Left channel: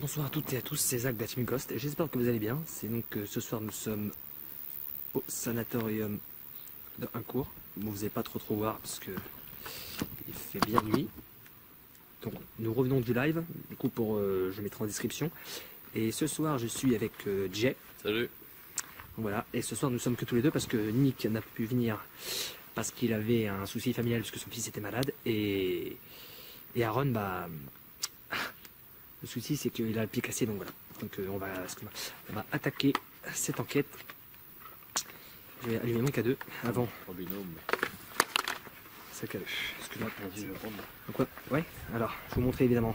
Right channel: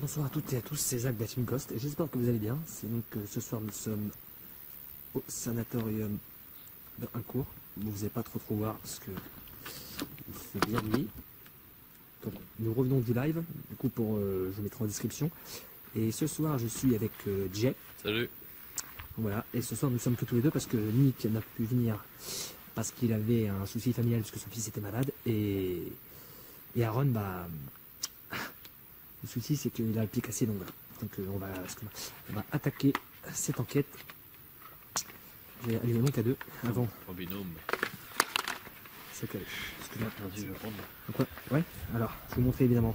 Bonsoir à toutes et à tous, c'est Zach de la Team Ghost et j'espère que vous allez bien. C'est donc ce soir nous sommes au sanatorium de Huncourt. Bon, vous n'allez pas trop voir parce que il fait bien nuit. Donc nous revenons du live, du coup je mettrai en description. Et ce soir je suis avec Jay. Salut. Voilà, et ce soir nous sommes que tous les deux parce que Nick n'a pu venir parce qu'il avait un souci familial parce que son fils était malade et Aaron le souci c'est qu'il a le pied cassé, donc voilà. Donc on va attaquer cette enquête. Je vais allumer mon K2 avant. En binôme. C'est K2. Parce que là, Vas-y, je vais prendre. donc ouais, alors je vais vous montrer évidemment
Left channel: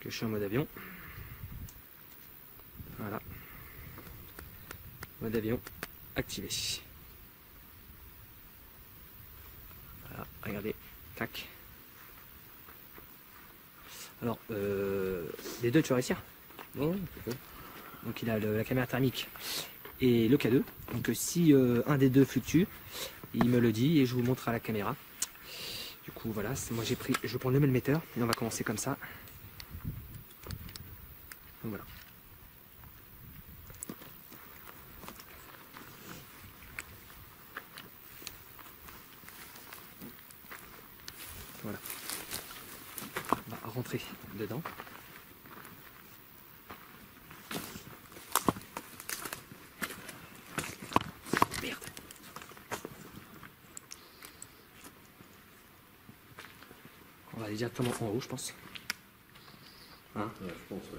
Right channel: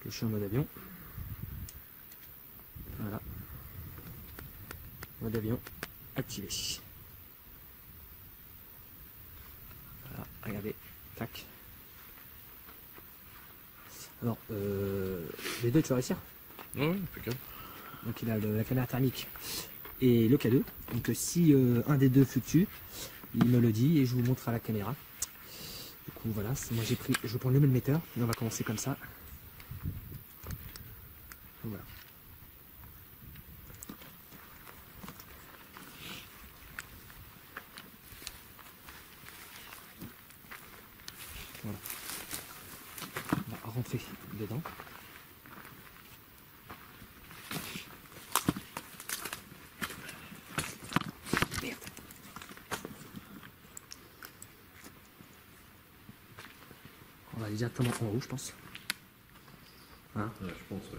que je suis en mode avion. Voilà. Mode avion activé. Voilà, regardez. Tac. Alors, les deux, tu vas réussir? Non, impeccable. Donc il a la caméra thermique et le K2. Donc si un des deux fluctue, il me le dit et je vous montre à la caméra. Du coup voilà, moi je vais prendre le même metteur et on va commencer comme ça. Donc, voilà. Voilà. On va rentrer dedans. Merde. On va aller directement en haut, je pense. Hein? Ouais, je pense, ouais.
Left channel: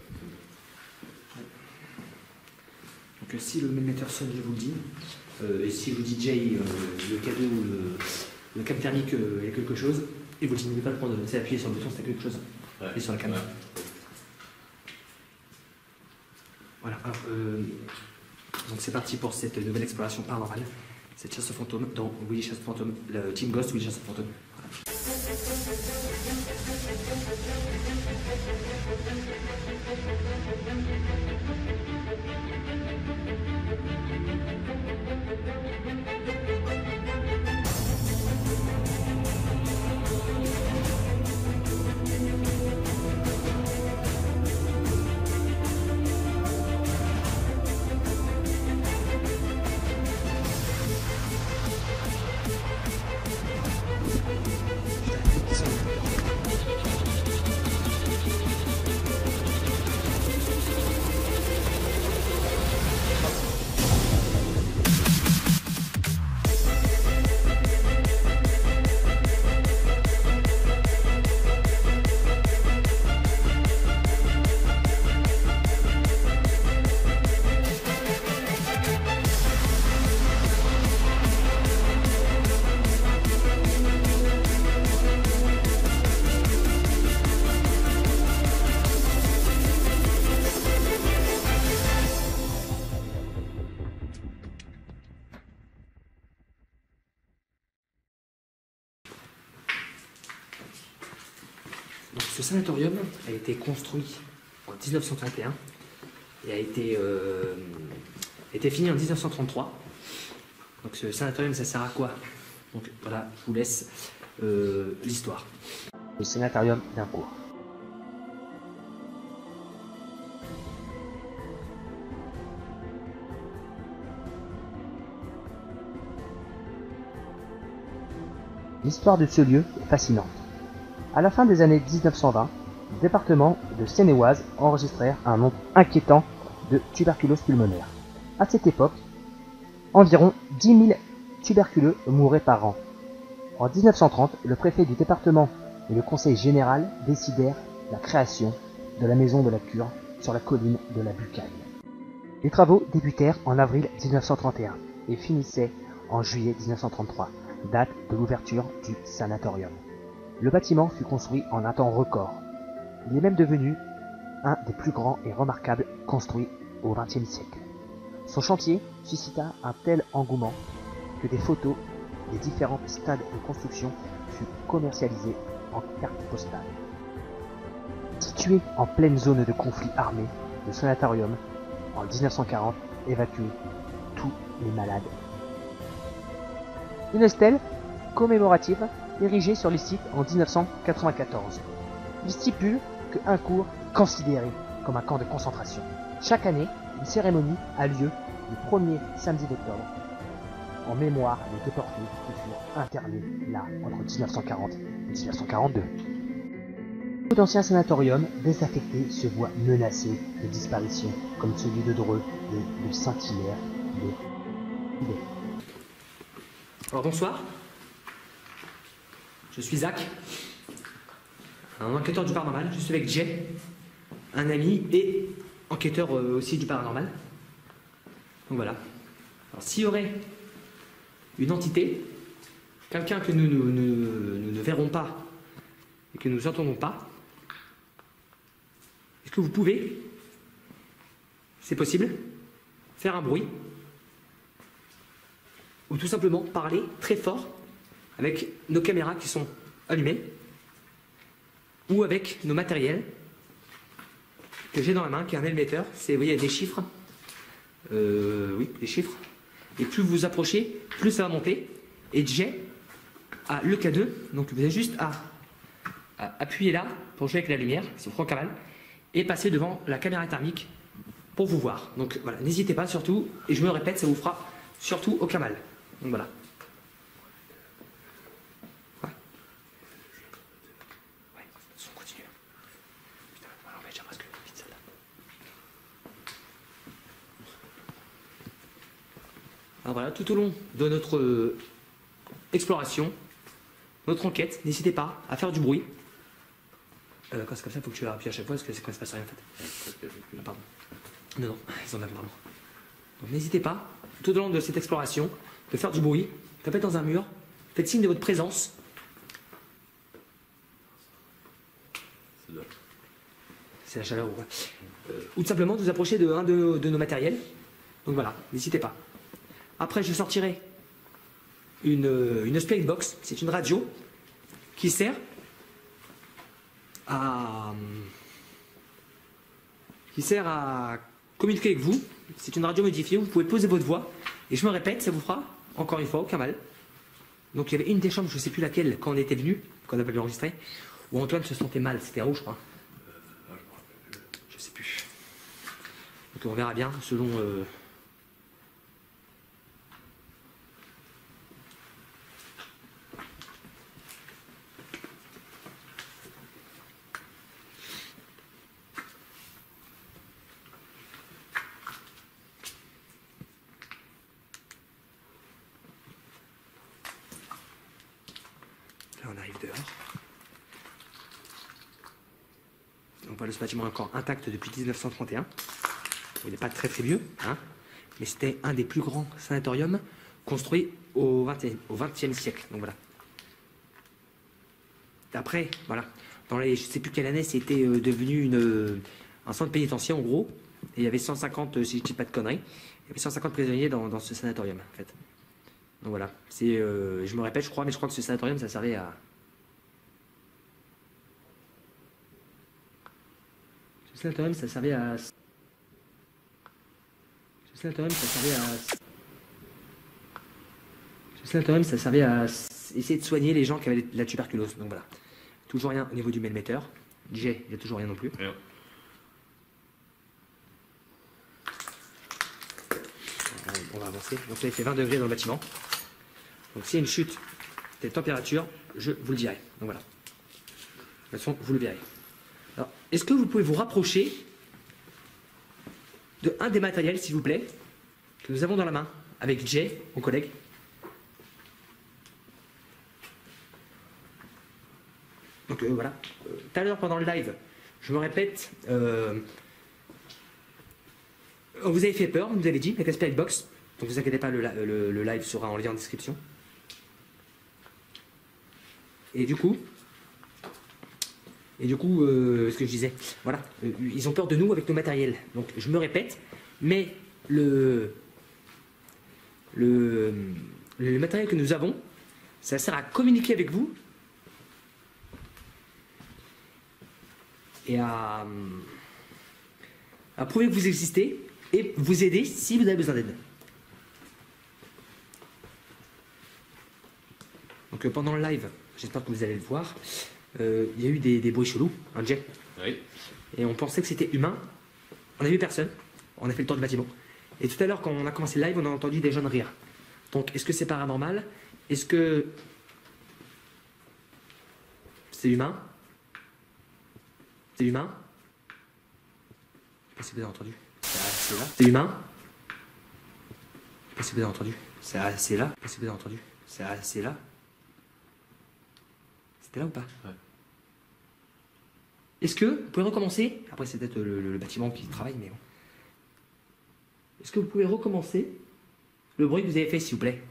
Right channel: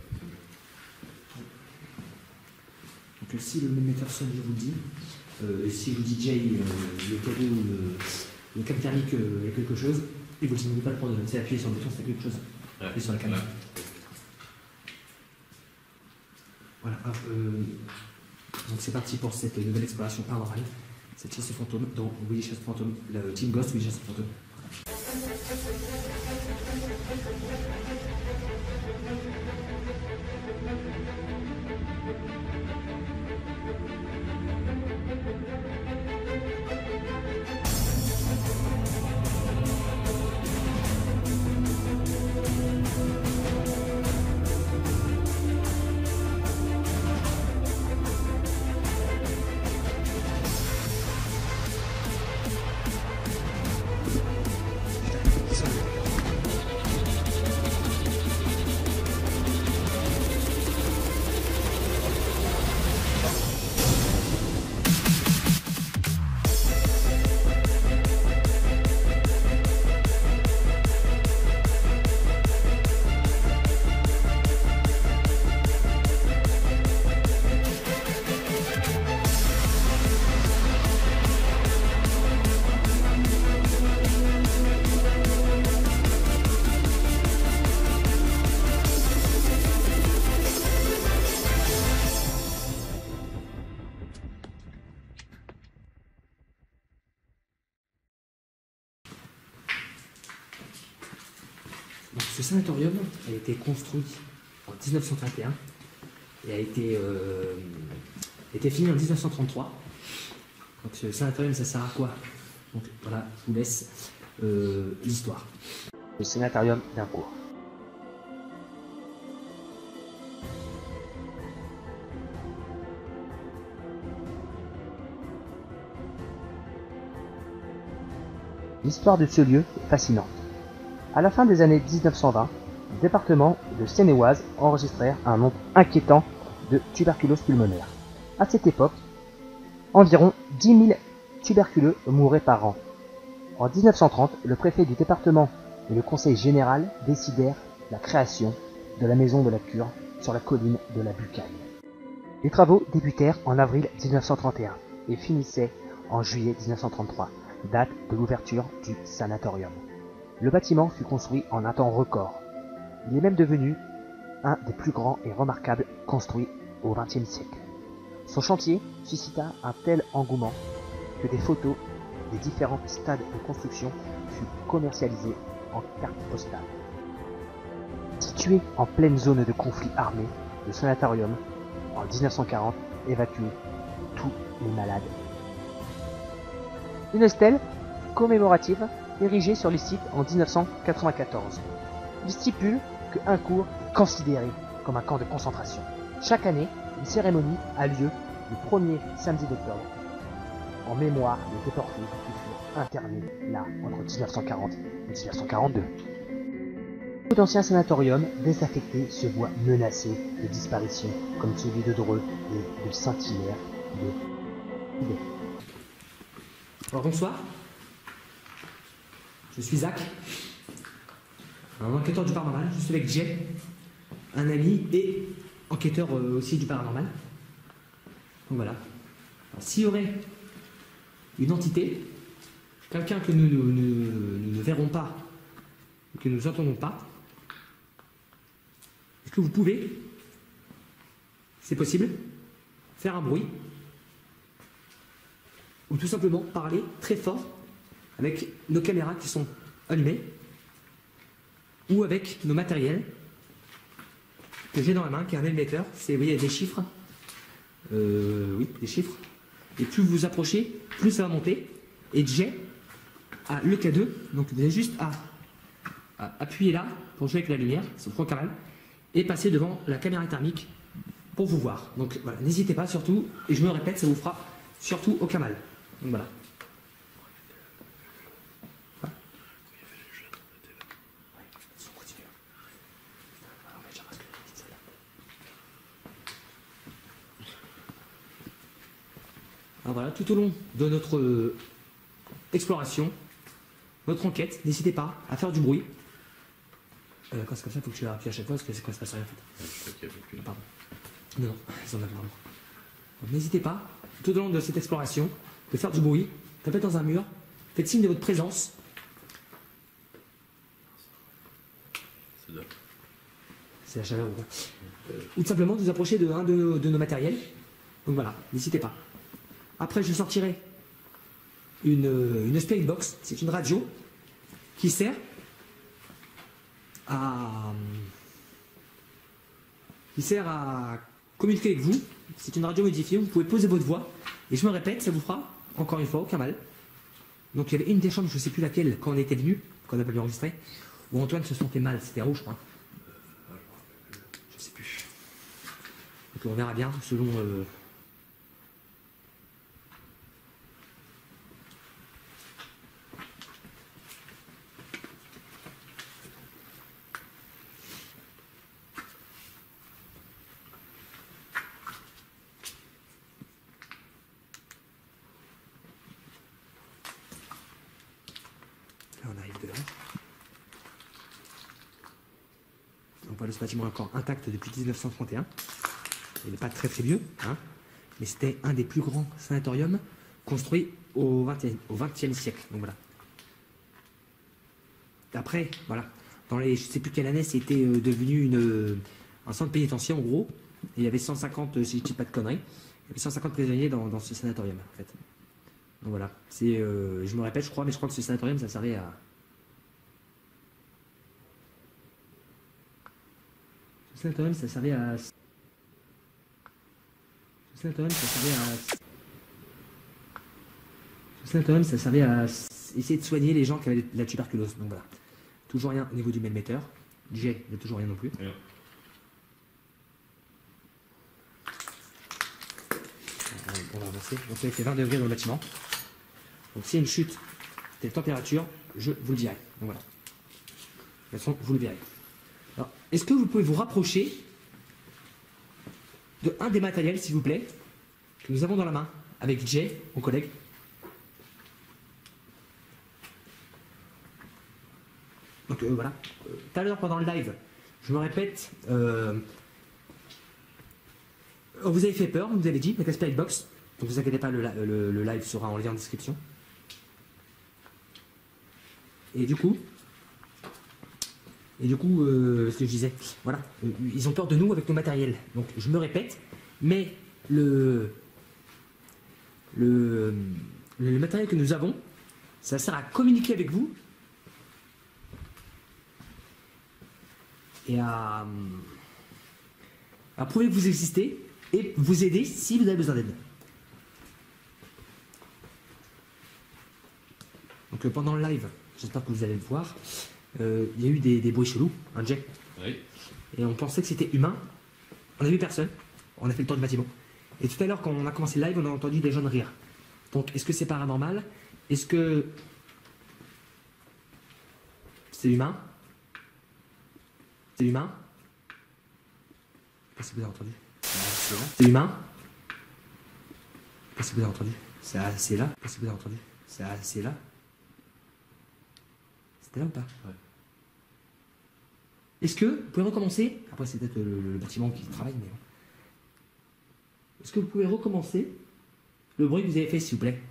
Donc si le même metteur sonne, je vous le dis. Et si je vous dis Jay, le K2 ou le câble thermique il y a quelque chose, et vous n'oubliez pas de prendre, c'est appuyer sur le bouton, c'est quelque chose. Ouais. Et sur la caméra. Ouais. Voilà. Alors, donc c'est parti pour cette nouvelle exploration paranormale. Cette chasse aux fantômes dans Willy Chasse aux fantômes, le Team Ghost Willy Chasse aux fantômes. Donc ce sanatorium a été construit en 1931 et a été fini en 1933. Donc ce sanatorium, ça sert à quoi? Donc voilà, je vous laisse l'histoire. Le sanatorium d'Huncourt. L'histoire de ce lieu est fascinante. À la fin des années 1920, le département de Seine-et-Oise enregistrèrent un nombre inquiétant de tuberculose pulmonaire. À cette époque, environ 10 000 tuberculeux mouraient par an. En 1930, le préfet du département et le conseil général décidèrent la création de la maison de la cure sur la colline de la Bucaille. Les travaux débutèrent en avril 1931 et finissaient en juillet 1933, date de l'ouverture du sanatorium. Le bâtiment fut construit en un temps record. Il est même devenu un des plus grands et remarquables construits au XXe siècle. Son chantier suscita un tel engouement que des photos des différents stades de construction furent commercialisées en cartes postales. Situé en pleine zone de conflit armé, le sanatorium, en 1940, évacuait tous les malades. Une stèle commémorative érigée sur les sites en 1994. Il stipule que Huncourt est considéré comme un camp de concentration. Chaque année, une cérémonie a lieu le premier samedi d'octobre en mémoire des déportés qui furent internés là entre 1940 et 1942. Beaucoup d'anciens sanatoriums désaffectés se voient menacés de disparition, comme celui de Dreux et de Saint-Hilaire de Tibet. Alors bonsoir, je suis Zach, un enquêteur du paranormal. Je suis avec Jay, un ami et enquêteur aussi du paranormal. Donc voilà. Alors s'il y aurait une entité, quelqu'un que nous ne verrons pas et que nous n'entendons pas, est-ce que vous pouvez, c'est possible, faire un bruit ou tout simplement parler très fort avec nos caméras qui sont allumées ou avec nos matériels que j'ai dans la main, qui est un émetteur. C'est, vous voyez, il y a des chiffres. Oui, des chiffres. Et plus vous vous approchez, plus ça va monter. Et Jay a le K2, donc vous avez juste à appuyer là pour jouer avec la lumière, c'est trop canal, et passer devant la caméra thermique pour vous voir. Donc voilà, n'hésitez pas surtout, et je me répète, ça vous fera surtout aucun mal. Donc voilà. Ouais. Ouais, on continue. Putain, on va déjà masquer la petite salle. Alors voilà, tout au long de notre exploration, notre enquête, n'hésitez pas à faire du bruit. Quand c'est comme ça, il faut que tu appuies à chaque fois parce que c'est quand il se passe rien en fait. Ah, pardon. Non, non, ils en ont vraiment. Donc n'hésitez pas, tout au long de cette exploration, de faire du bruit, tapez dans un mur, faites signe de votre présence. C'est la chaleur ou quoi. Ou tout simplement de vous approcher de un de nos matériels. Donc voilà, n'hésitez pas. Après, je sortirai une Spirit Box, c'est une radio qui sert à communiquer avec vous. C'est une radio modifiée, vous pouvez poser votre voix. Et je me répète, ça vous fera, encore une fois, aucun mal. Donc il y avait une des chambres, je ne sais plus laquelle, quand on était venu, quand on avait enregistré, où Antoine se sentait mal, c'était rouge, je crois. Je sais plus. Donc on verra bien, selon... Là, on arrive dehors. On voit ce bâtiment encore intact depuis 1931. Il n'est pas très très vieux, hein, mais c'était un des plus grands sanatoriums construits au XXe siècle. Donc voilà. Après, voilà, dans les, je ne sais plus quelle année, c'était devenu un centre pénitentiaire en gros. Et il y avait 150, si je ne dis pas de conneries, il y avait 150 prisonniers dans ce sanatorium en fait. Donc voilà, c'est, je me répète, je crois, mais je crois que ce sanatorium, ça servait à... Ce sanatorium, ça servait à... Ce sanatorium, ça servait à... Ce sanatorium, ça servait à essayer de soigner les gens qui avaient la tuberculose. Donc voilà. Toujours rien au niveau du melmetteur. J, il n'y a toujours rien non plus. Yeah. On va avancer. Donc ça fait 20 degrés dans le bâtiment. Donc s'il y a une chute de température, je vous le dirai. Donc voilà. De toute façon, vous le verrez. Alors, est-ce que vous pouvez vous rapprocher de un des matériels, s'il vous plaît, que nous avons dans la main, avec Jay, mon collègue. Donc voilà. Tout à l'heure, pendant le live, je me répète, on vous avez fait peur, vous avez dit, avec la Spirit Box. Donc vous inquiétez pas, le live sera en lien en description. Et du coup, ce que je disais, voilà, ils ont peur de nous avec nos matériels. Donc je me répète, mais le matériel que nous avons, ça sert à communiquer avec vous et à prouver que vous existez et vous aider si vous avez besoin d'aide. Donc pendant le live, j'espère que vous allez le voir, il y a eu des bruits chelous, un jet. Oui. Et on pensait que c'était humain, On a vu personne. On a fait le tour du bâtiment. Et tout à l'heure, quand on a commencé le live, on a entendu des jeunes rire. Donc, est-ce que c'est paranormal? Est-ce que c'est humain? C'est humain? Qu'est-ce que vous avez entendu? C'est humain? Qu'est-ce que vous avez entendu? C'est là? Qu'est-ce que vous avez entendu? C'est là? C'était là ou pas? Ouais. Est-ce que vous pouvez recommencer? Après, c'est peut-être le bâtiment qui travaille, mais bon. Est-ce que vous pouvez recommencer le bruit que vous avez fait, s'il vous plaît?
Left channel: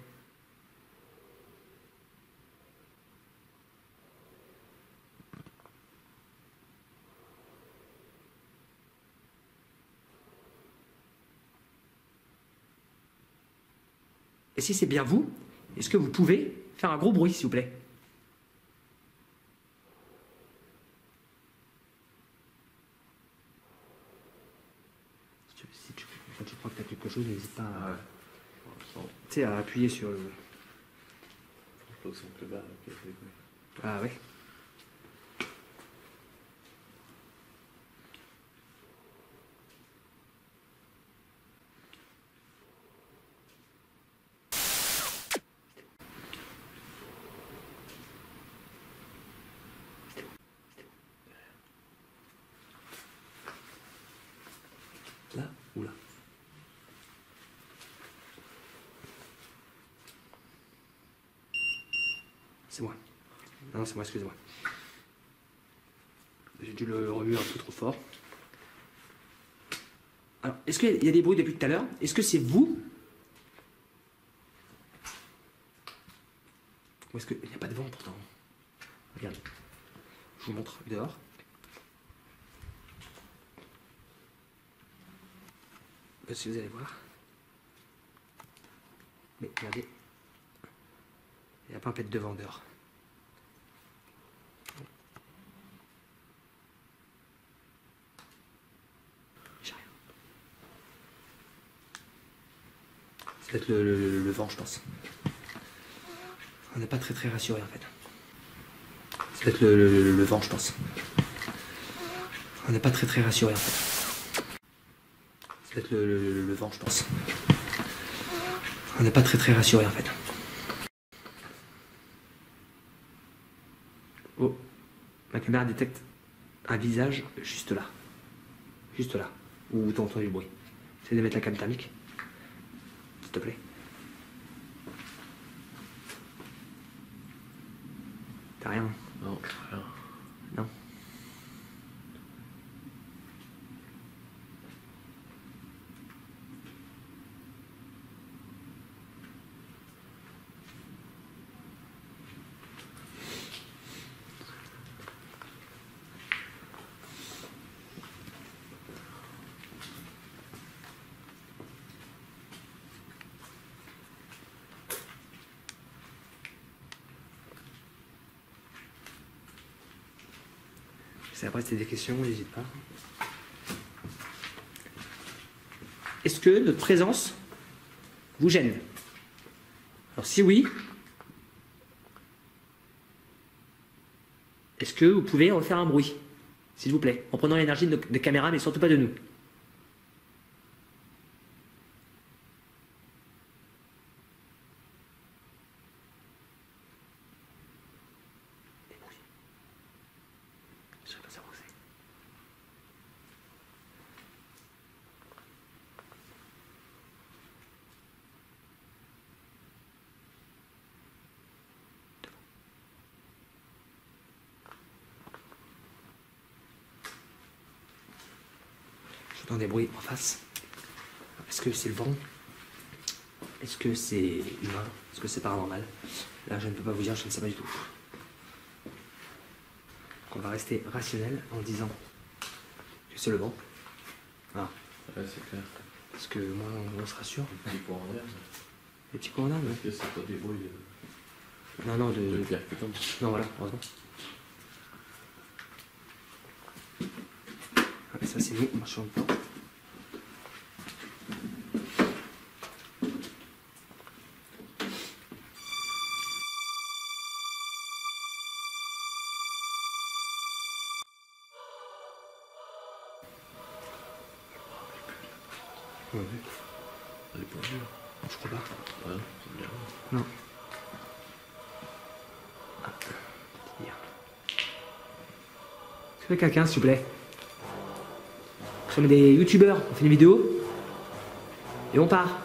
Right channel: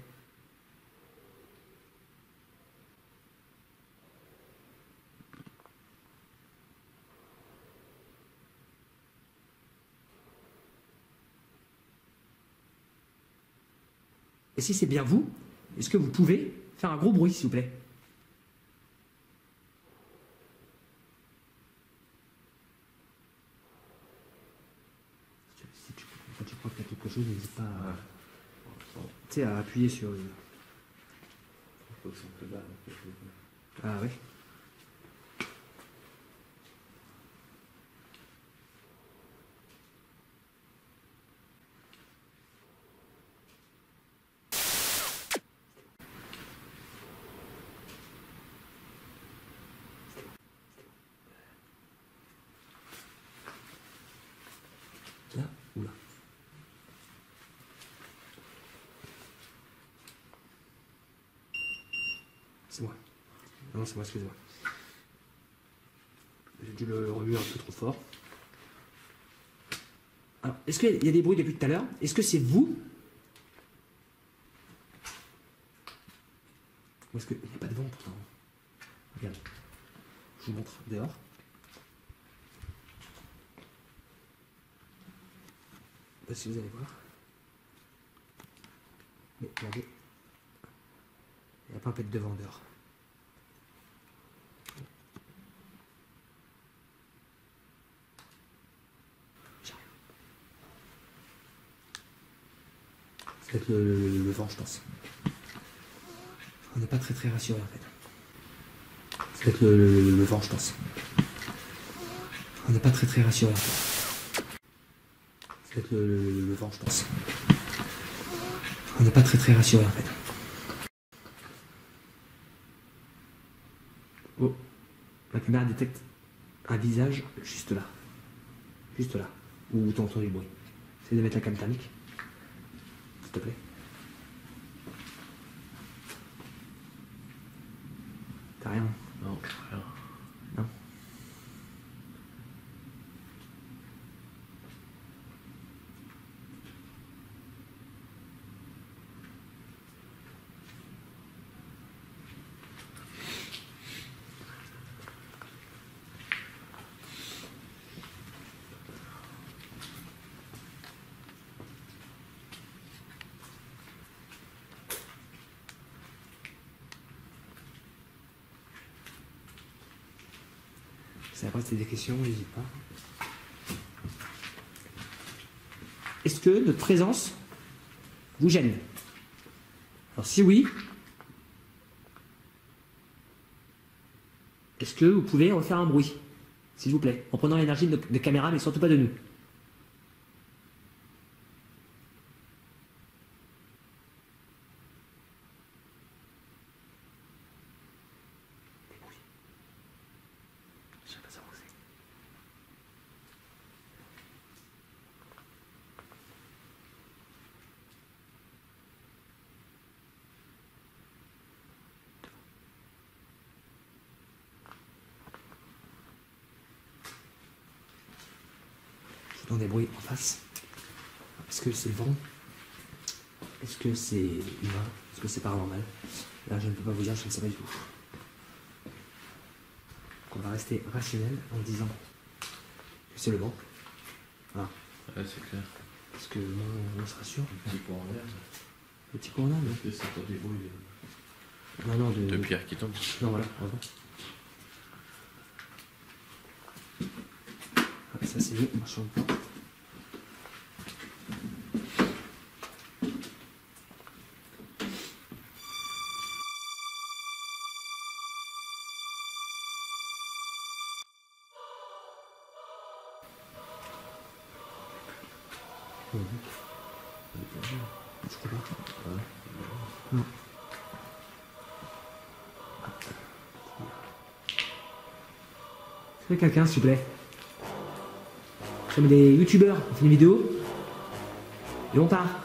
Et si c'est bien vous, est-ce que vous pouvez faire un gros bruit, s'il vous plaît? Quand tu crois que tu as quelque chose, n'hésite pas à, tu sais, à appuyer sur le... Faut que ça me plaît pas. Ah ouais. Là ou là? C'est moi. Non, c'est moi, excusez-moi. J'ai dû le remuer un peu trop fort. Alors, est-ce qu'il y a des bruits depuis tout à l'heure? Est-ce que c'est vous? Ou est-ce qu'il n'y a pas de vent pourtant? Regarde. Je vous montre dehors. Si vous allez voir. Mais regardez. Il n'y a pas un pet de vent dehors. J'ai rien. C'est peut-être le vent, je pense. On n'est pas très rassuré en fait. C'est peut-être le vent, je pense. On n'est pas très rassuré en fait. C'est peut-être le vent, je pense. On n'est pas très rassuré en fait. Oh, ma caméra détecte un visage juste là. Juste là. Où tu entends du bruit. Essaye de mettre la cam thermique. S'il te plaît. T'as rien? Non, rien. Non. Si après c'est des questions, n'hésite pas. Est-ce que notre présence vous gêne? Alors si oui, est-ce que vous pouvez refaire un bruit, s'il vous plaît, en prenant l'énergie de caméra, mais surtout pas de nous? Des bruits. Je ne sais pas savoir où c'est. J'entends des bruits en face. Est-ce que c'est le vent? Est-ce que c'est humain? Est-ce que c'est paranormal? Là, je ne peux pas vous dire, je ne sais pas du tout. Donc, on va rester rationnel en disant que c'est le vent. Voilà. Ouais, c'est clair. Parce que moi, on se rassure. Un petit point en l'air. Les petits courants là, Est-ce que c'est pas des bruits non, de pierre qui tombent? Non, voilà, heureusement. Ah, ça, c'est nous, on marche sur le plan. Ouais. Elle est pas dure. Je crois pas. Ah, c'est bien. Non. Ah. Est-ce que quelqu'un, s'il vous plaît? Nous sommes des youtubeurs, on fait des vidéos. Et on part.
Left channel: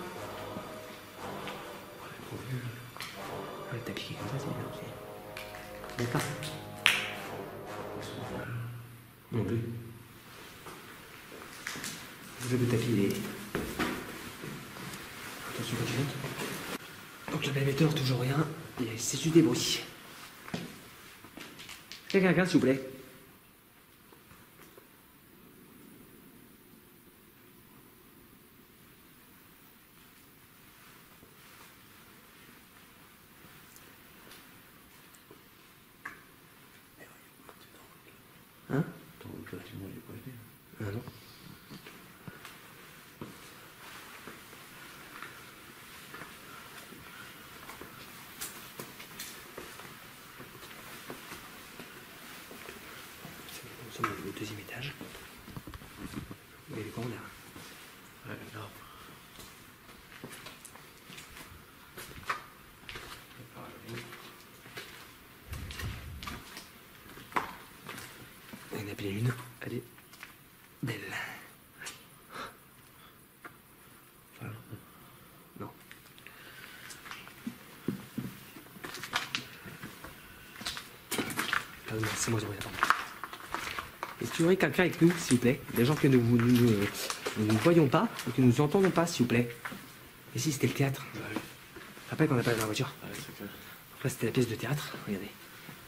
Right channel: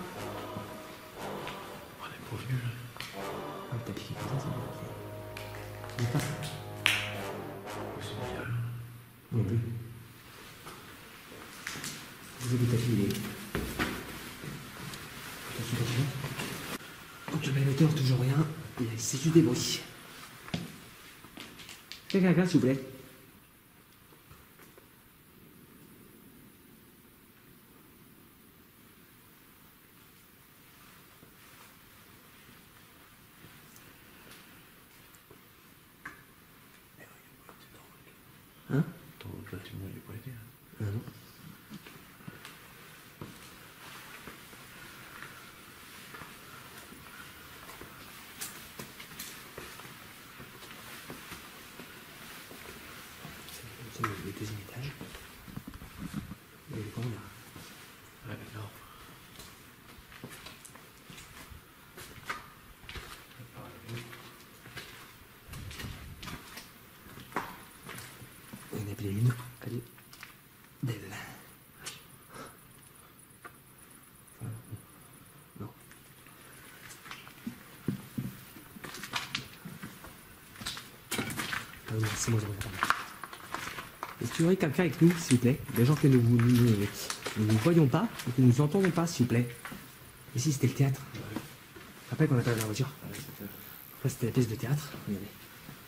Elle est pas nulle. Ah, t'as piqué comme ça, c'est bien. D'accord. Non plus. Vous avez tapis. Attention. Donc le même émetteur, toujours rien. Et c'est juste des bruits. Quelqu'un, s'il vous plaît. Hein? Dans le bâtiment, il est pas aidé. Ah non. Nous sommes au deuxième étage. Il y a les grands là. Ouais, non. Il y en a appelé une. Elle est belle. Voilà. Non. Ah oui, c'est moi, je regarde. Est-ce qu'il y aurait quelqu'un avec nous, s'il vous plaît? Des gens que nous ne voyons pas, ou que nous entendons pas, s'il vous plaît. Ici, c'était le théâtre. Ouais, Rappelle qu'on n'a pas de la voiture. ouais, c'est clair. Après, c'était la pièce de théâtre. Regardez.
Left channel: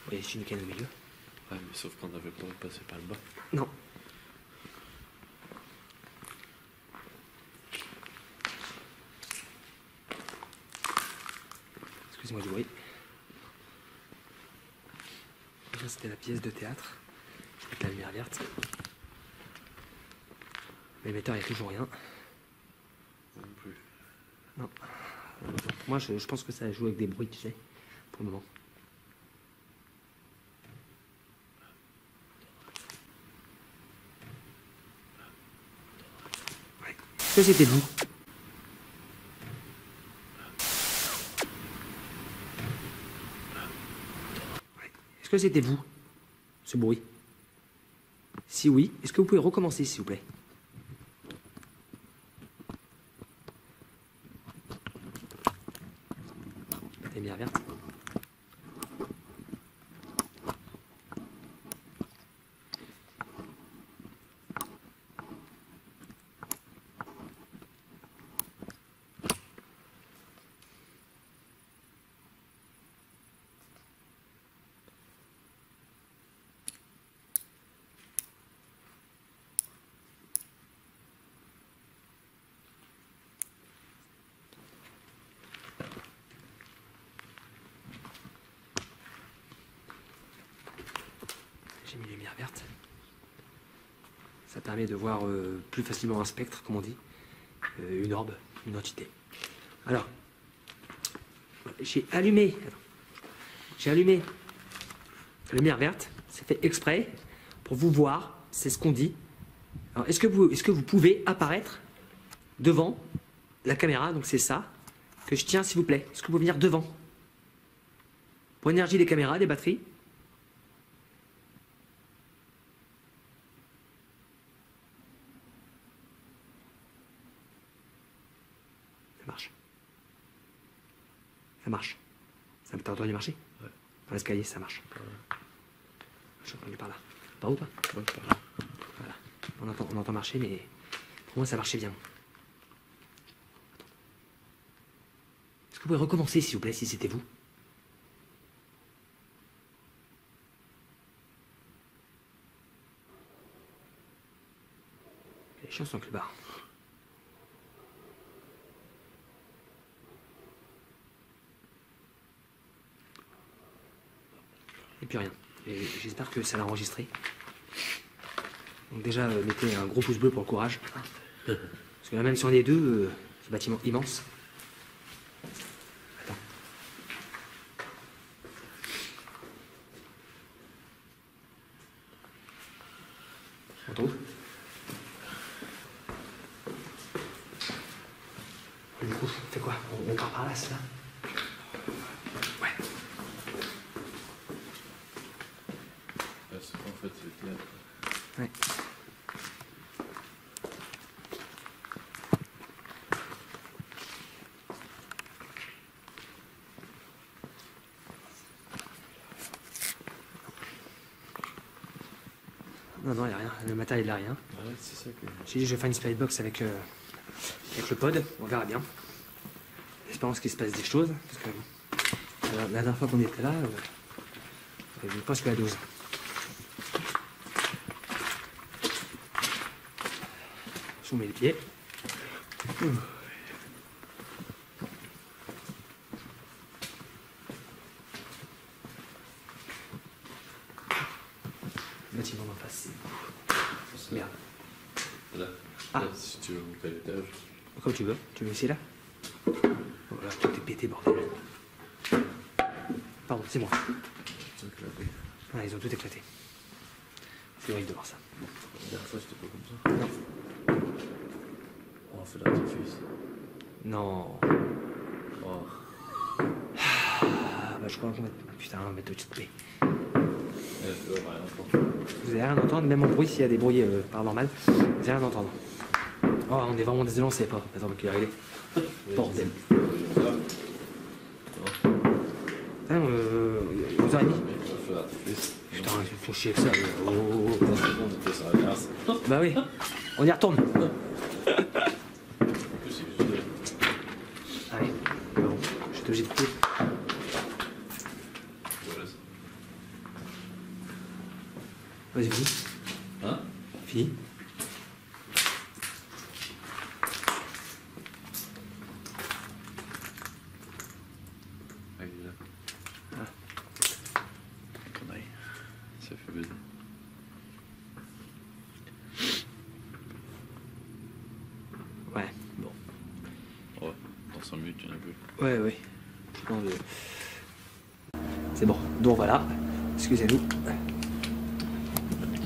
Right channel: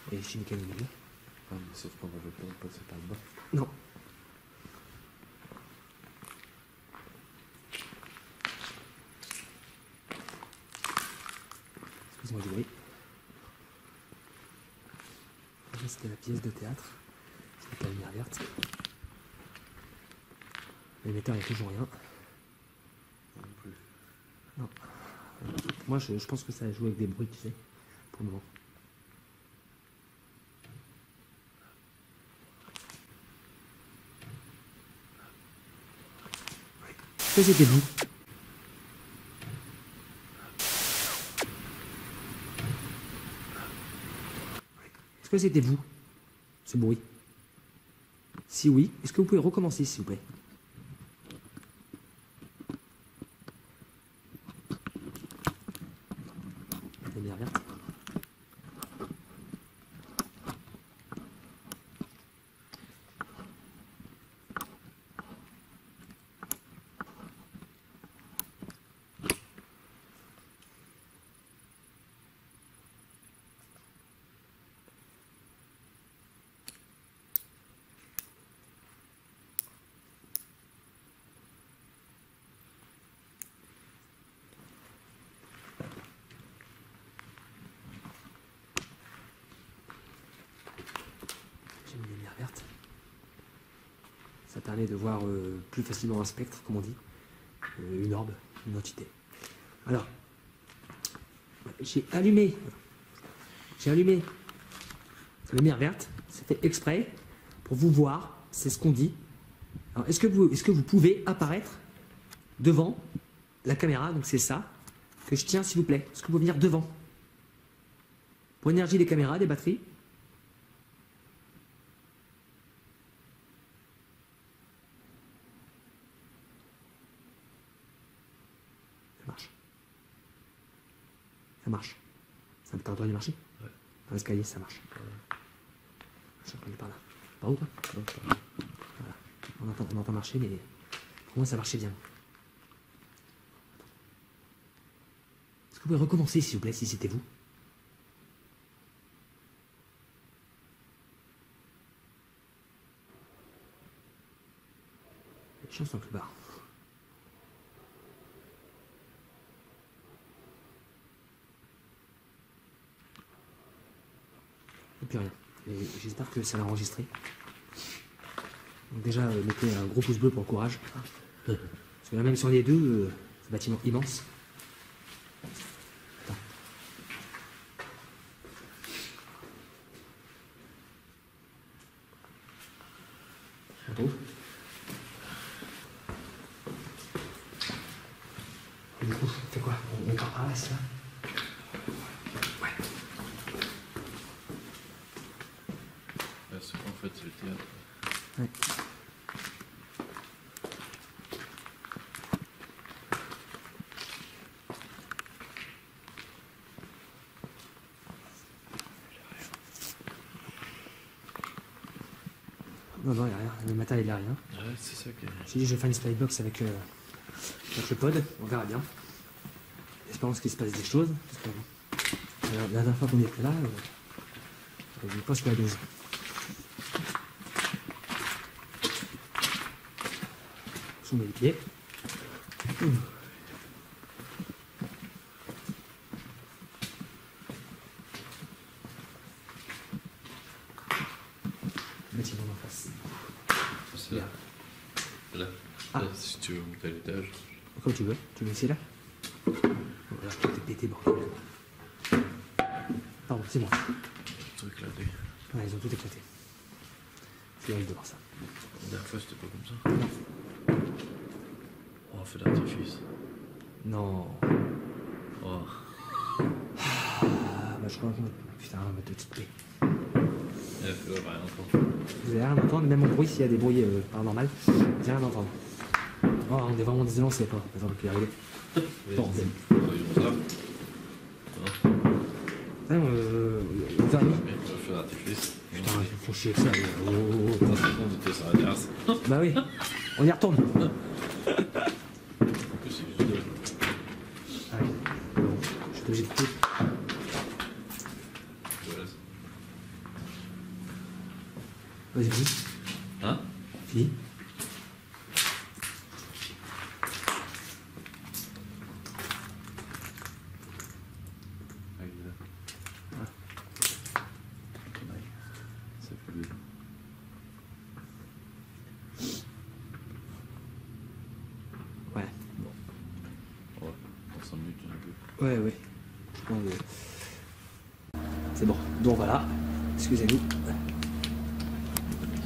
Il y a les chinois au milieu. Ouais, mais sauf qu'on avait pas de passer par le bas. Non. Excusez-moi du bruit. Déjà, c'était la pièce de théâtre. Avec la lumière verte. L'émetteur, il n'y a toujours rien. Non plus. Non. Moi, je pense que ça joue avec des bruits, tu sais, pour le moment. Ouais. Est-ce que c'était vous? Ouais. Est-ce que c'était vous, ce bruit? Si oui, est-ce que vous pouvez recommencer, s'il vous plaît? La lumière verte. J'ai mis lumière verte. Ça permet de voir plus facilement un spectre, comme on dit. Une orbe, une entité. Alors, j'ai allumé la lumière verte. C'est fait exprès pour vous voir. C'est ce qu'on dit. Alors, est-ce que vous pouvez apparaître devant la caméra? Donc c'est ça que je tiens, s'il vous plaît. Est-ce que vous pouvez venir devant? Pour l'énergie des caméras, des batteries. Ça marche. Ça marche. Ça t'as entendu marcher? Ouais. Dans l'escalier, ça marche. Ouais. Je suis entendu par là. Par où, toi? Ouais, par là. Voilà. On entend marcher, mais pour moi, ça marchait bien. Attends. Est-ce que vous pouvez recommencer, s'il vous plaît, si c'était vous? Les chiens sont avec le bar. Et puis rien. Et j'espère que ça l'a enregistré. Donc déjà, mettez un gros pouce bleu pour le courage. Parce que là, même si on est deux, ce bâtiment immense. Attends. On trouve? Et du coup, on fait quoi? On part par là, c'est ça? Ouais. C'est en fait, c'est le théâtre. Ouais. Non, non, il n'y a rien. Le matin, il n'y a rien. Ah ouais, c'est ça que. J'ai dit, je vais faire une spybox avec le pod. On verra bien. Espérons qu'il se passe des choses. Parce que la dernière fois qu'on était là, je pense que la dose. Je mets les pieds. Le bâtiment d'en face. C'est là. Là. Ah. Là, si tu veux monter à l'étage. Comme tu veux. Tu veux essayer là? Voilà, tout est pété, bordel. Pardon, c'est moi. Tout éclaté. Ouais, ils ont tout éclaté. C'est horrible de voir ça. La dernière fois, c'était pas comme ça. Oh, on fait l'artifice. Non. Oh. Ah, bah je crois qu'on va... Putain, on va mettre tout de paix. On va rien entendre. Vous allez rien entendre, même en bruit, s'il y a des bruits paranormaux, vous allez rien entendre. Oh, on est vraiment désolé, on sait pas. Attends, qu'il est arrivé. Bordel. Putain, vous avez mis. On va faire l'artifice. Putain, il faut chier que ça. On était sur la terrasse. Bah oui, on y retourne. En plus, c'est juste de. Allez, je te jette tout. Voilà. Vas-y, fini. Hein? Fini. Ah, il est là. Ah. Ton œil. Ça fait baiser. Ouais, bon. Oh, dans 5 minutes, il y en a plus. Ouais, ouais. Bon, c'est bon, donc voilà. Excusez-nous.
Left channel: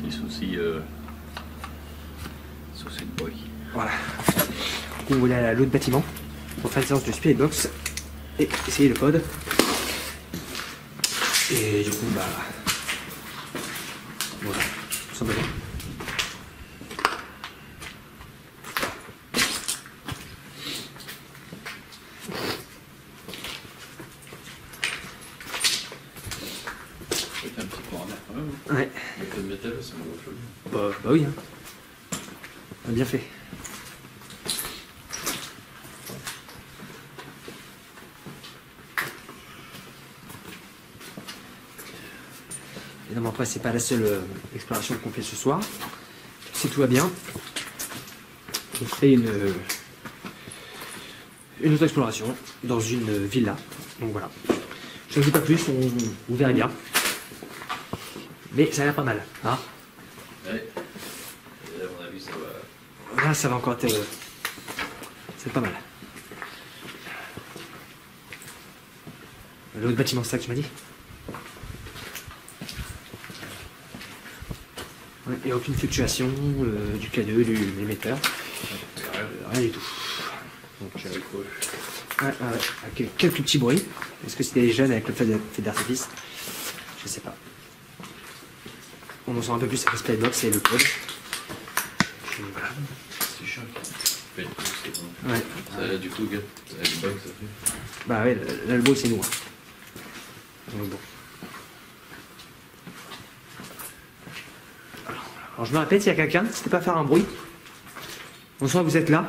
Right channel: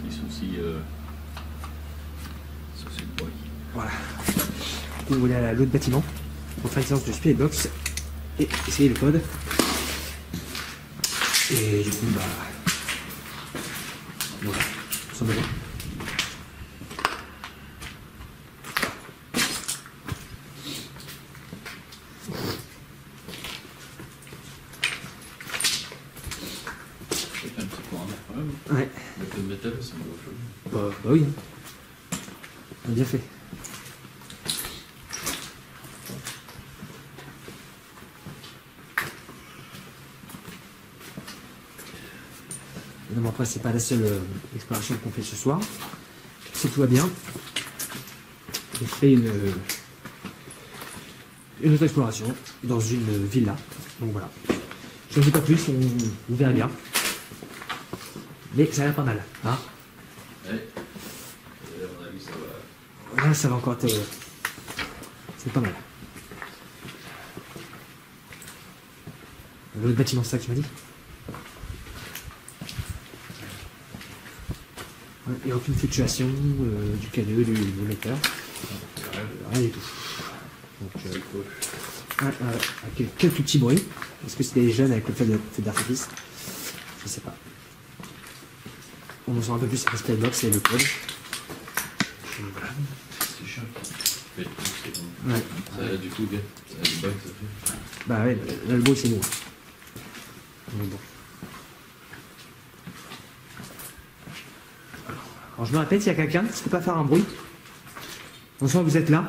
Petit souci. Souci de bruit. Voilà. Du coup, on voulait aller à l'autre bâtiment pour faire une séance de spybox et essayer le code. Et du coup, bah. Voilà, tout simplement. C'est un petit courant d'air quand même. Ouais, Le peu de métal, c'est un gros chaud. bah oui. Hein. On a bien fait. Évidemment, après, c'est pas la seule exploration qu'on fait ce soir. Si tout va bien, on ferait une autre exploration dans une villa. Donc voilà. Je ne dis pas plus, vous verrez bien. Mais ça a l'air pas mal. Hein, Ouais. Et à mon avis, ça va. là, ça va encore être. C'est pas mal. L'autre bâtiment, c'est ça que tu m'as dit? Ouais, il n'y a aucune fluctuation du K2, de l'émetteur. Rien du tout. Donc, C'est cool. avec quelques petits bruits. Est-ce que c'était les jeunes avec le feu d'artifice? Je sais pas. On en sent un peu plus avec Spybox et le code. Voilà. C'est chiant. Oui, c'est bon. Ouais. Ça a du fougue. Ça a du bug, ça fait. Bah ouais, là, le bruit c'est nous. Donc bon. Alors je me répète, s'il y a quelqu'un qui ne peut pas faire un bruit, en soit vous êtes là.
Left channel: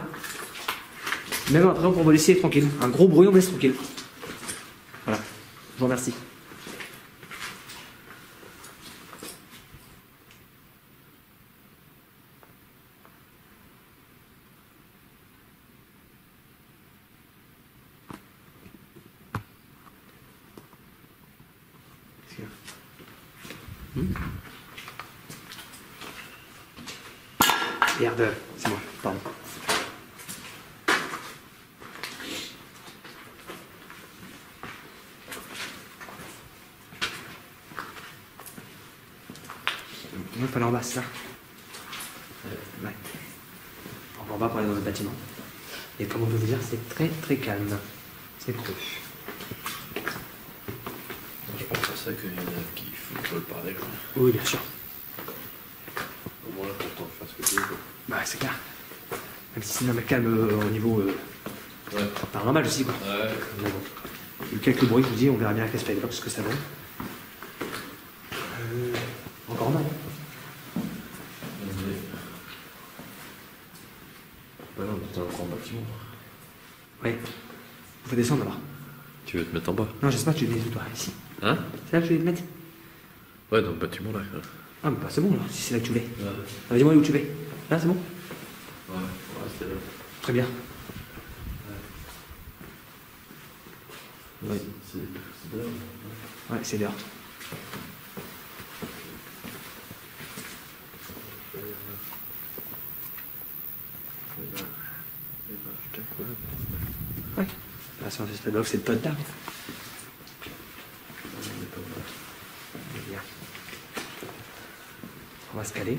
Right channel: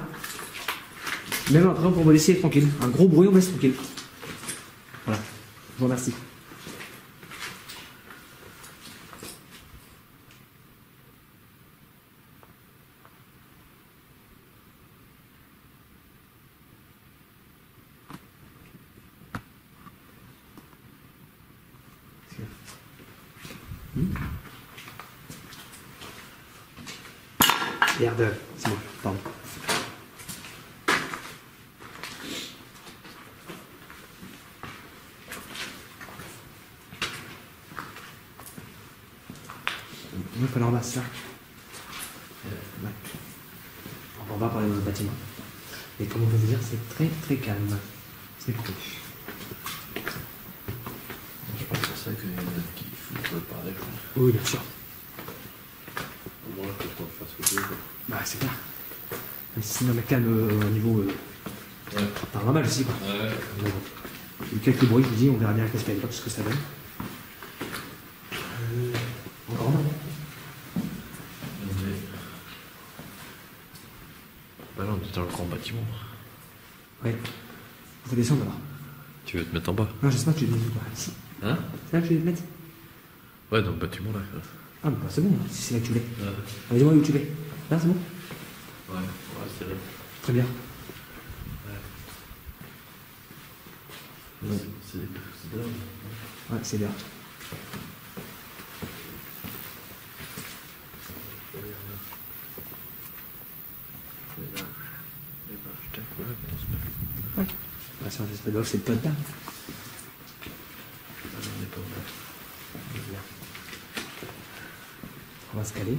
Même après, on va laisser tranquille. Un gros bruit, on laisse tranquille. Voilà. Je vous remercie. Merde, c'est bon, pardon. Il va falloir là. Ouais. On va parler dans le bâtiment. Et comme on peut vous dire, c'est très très calme. C'est cool. Je pense que c'est ça qu'il y en a qui veulent parler. Quoi. Oui, bien sûr. Au moins, pour qu'on fasse ce que tu veux. Quoi. Bah, c'est clair. Même si c'est même calme au niveau paranormal aussi, quoi. Ouais. Mais bon. Il y a eu quelques bruits, je vous dis, on verra bien avec la Spybox ce que ça donne. Encore non. Bah non, on est dans le grand bâtiment. Ouais. Faut descendre alors. Tu veux te mettre en bas? Non, je sais pas, tu veux mettre où toi? Ici. Hein? C'est là que je vais te mettre? Ouais, dans le bâtiment là. Quoi. Ah, mais bah, c'est bon, là, si c'est là que tu voulais. Ouais. Ah, dis-moi où tu vas. Là, c'est bon? Ouais, c'est là. Très bien. Ouais, c'est là. Ouais, c'est l'heure. Ouais. Ah, c'est un Spybox, c'est le pote là. On va se caler.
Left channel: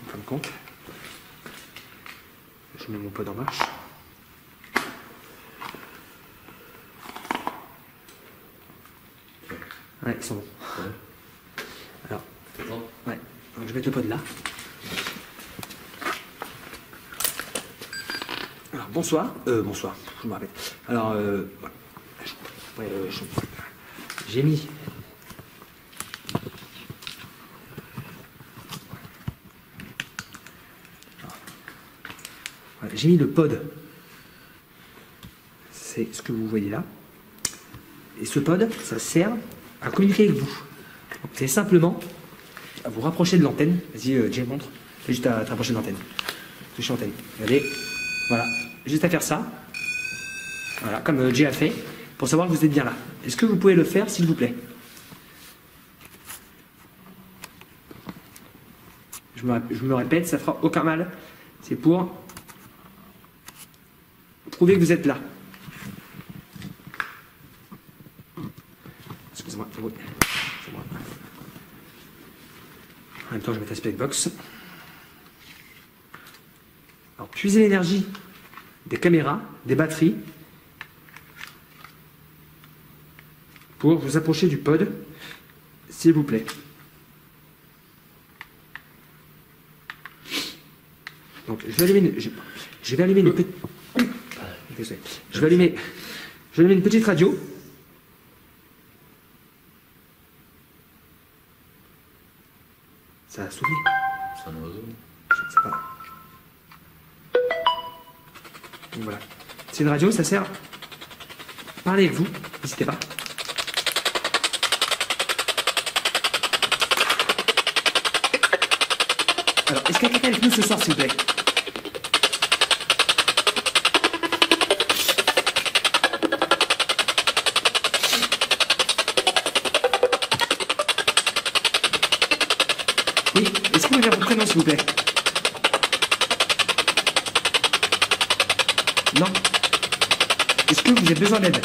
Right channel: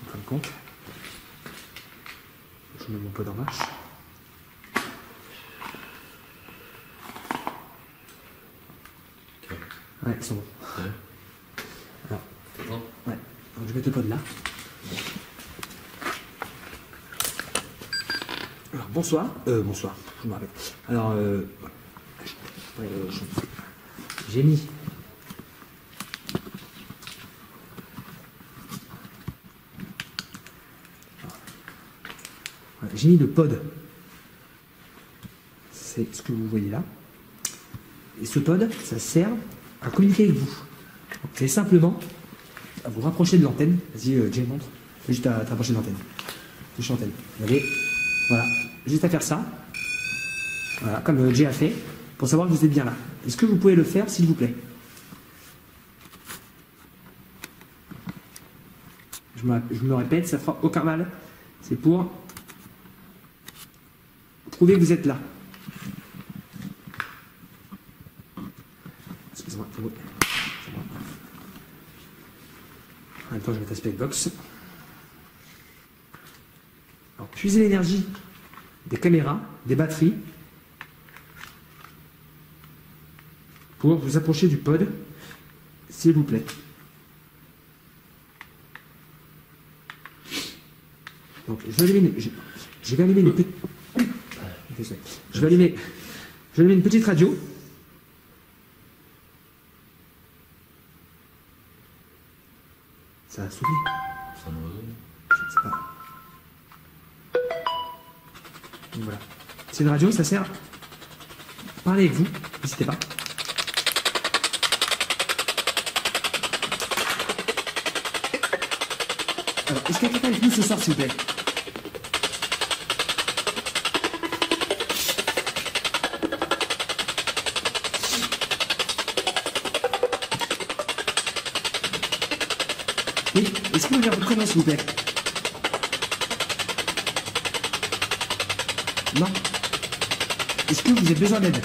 En fin de compte. Je mets mon pod en marche. Ouais, ils sont bons. Ouais. Alors, Non. ouais. Donc, je vais mettre le pod là. Alors, bonsoir. Bonsoir, je me rappelle. Alors, j'ai mis. Ouais, j'ai mis le pod. C'est ce que vous voyez là. Et ce pod, ça sert à communiquer avec vous. C'est simplement à vous rapprocher de l'antenne. Vas-y, Jay, montre. C'est juste à te rapprocher de l'antenne. Touche l'antenne. Regardez. Voilà. Juste à faire ça. Voilà, comme Jay a fait. Pour savoir que vous êtes bien là. Est-ce que vous pouvez le faire, s'il vous plaît? Je me répète, ça fera aucun mal. C'est pour prouver que vous êtes là. Excusez-moi, c'est moi. En même temps, je vais mettre la Spybox. Alors, puisez l'énergie des caméras, des batteries, pour vous approcher du pod, s'il vous plaît. Donc, je vais allumer une petite. Je vais allumer une petite radio. Ça a sonné. C'est un oiseau. Je ne sais pas. Donc voilà. C'est une radio, ça sert. Parlez avec vous, n'hésitez pas. Alors, est-ce qu'il y a quelqu'un avec nous ce soir, s'il vous plaît? Oui, est-ce que vous avez votre prénom, s'il vous plaît? Non. Est-ce que vous avez besoin d'aide?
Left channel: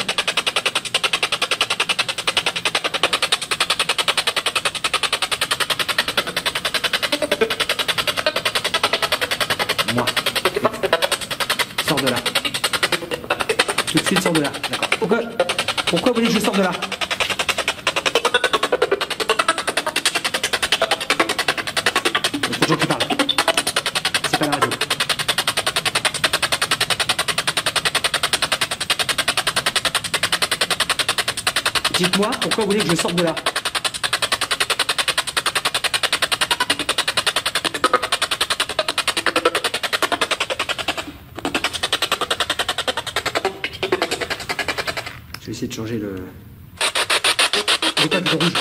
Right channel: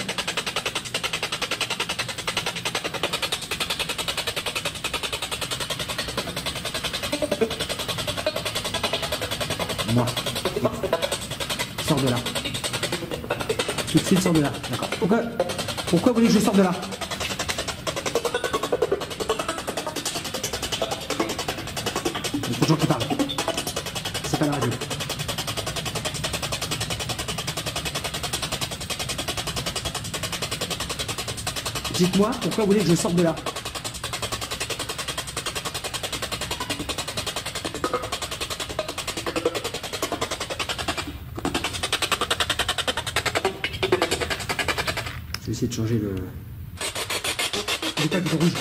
Moi. Sors de là. Tout de suite, sors de là. D'accord. Pourquoi vous voulez que je sorte de là? Il y a trop de gens qui parlent. C'est pas la radio. Dites-moi pourquoi vous voulez que je sorte de là. Je vais essayer de changer le... C'est pas du rouge.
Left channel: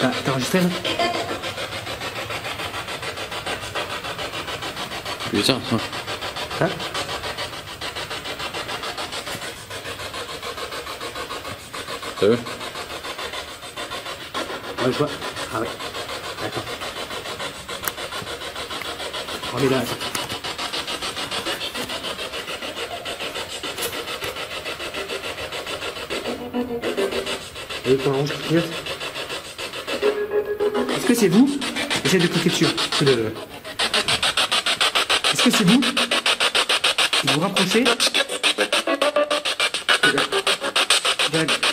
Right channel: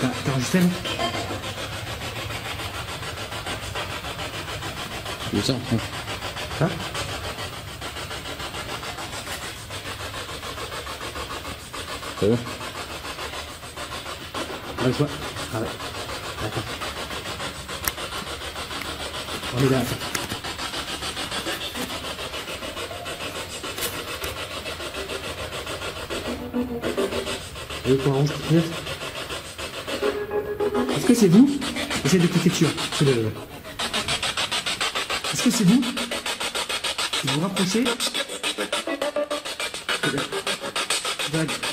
T'as enregistré là? Oui, tiens. Hein? T'as vu? Ah, je vois. Ah ouais. D'accord. On est là. Attends. Est-ce que c'est vous? Essayez de cliquer dessus. C'est le... Est-ce que c'est vous? Vous vous rapprochez?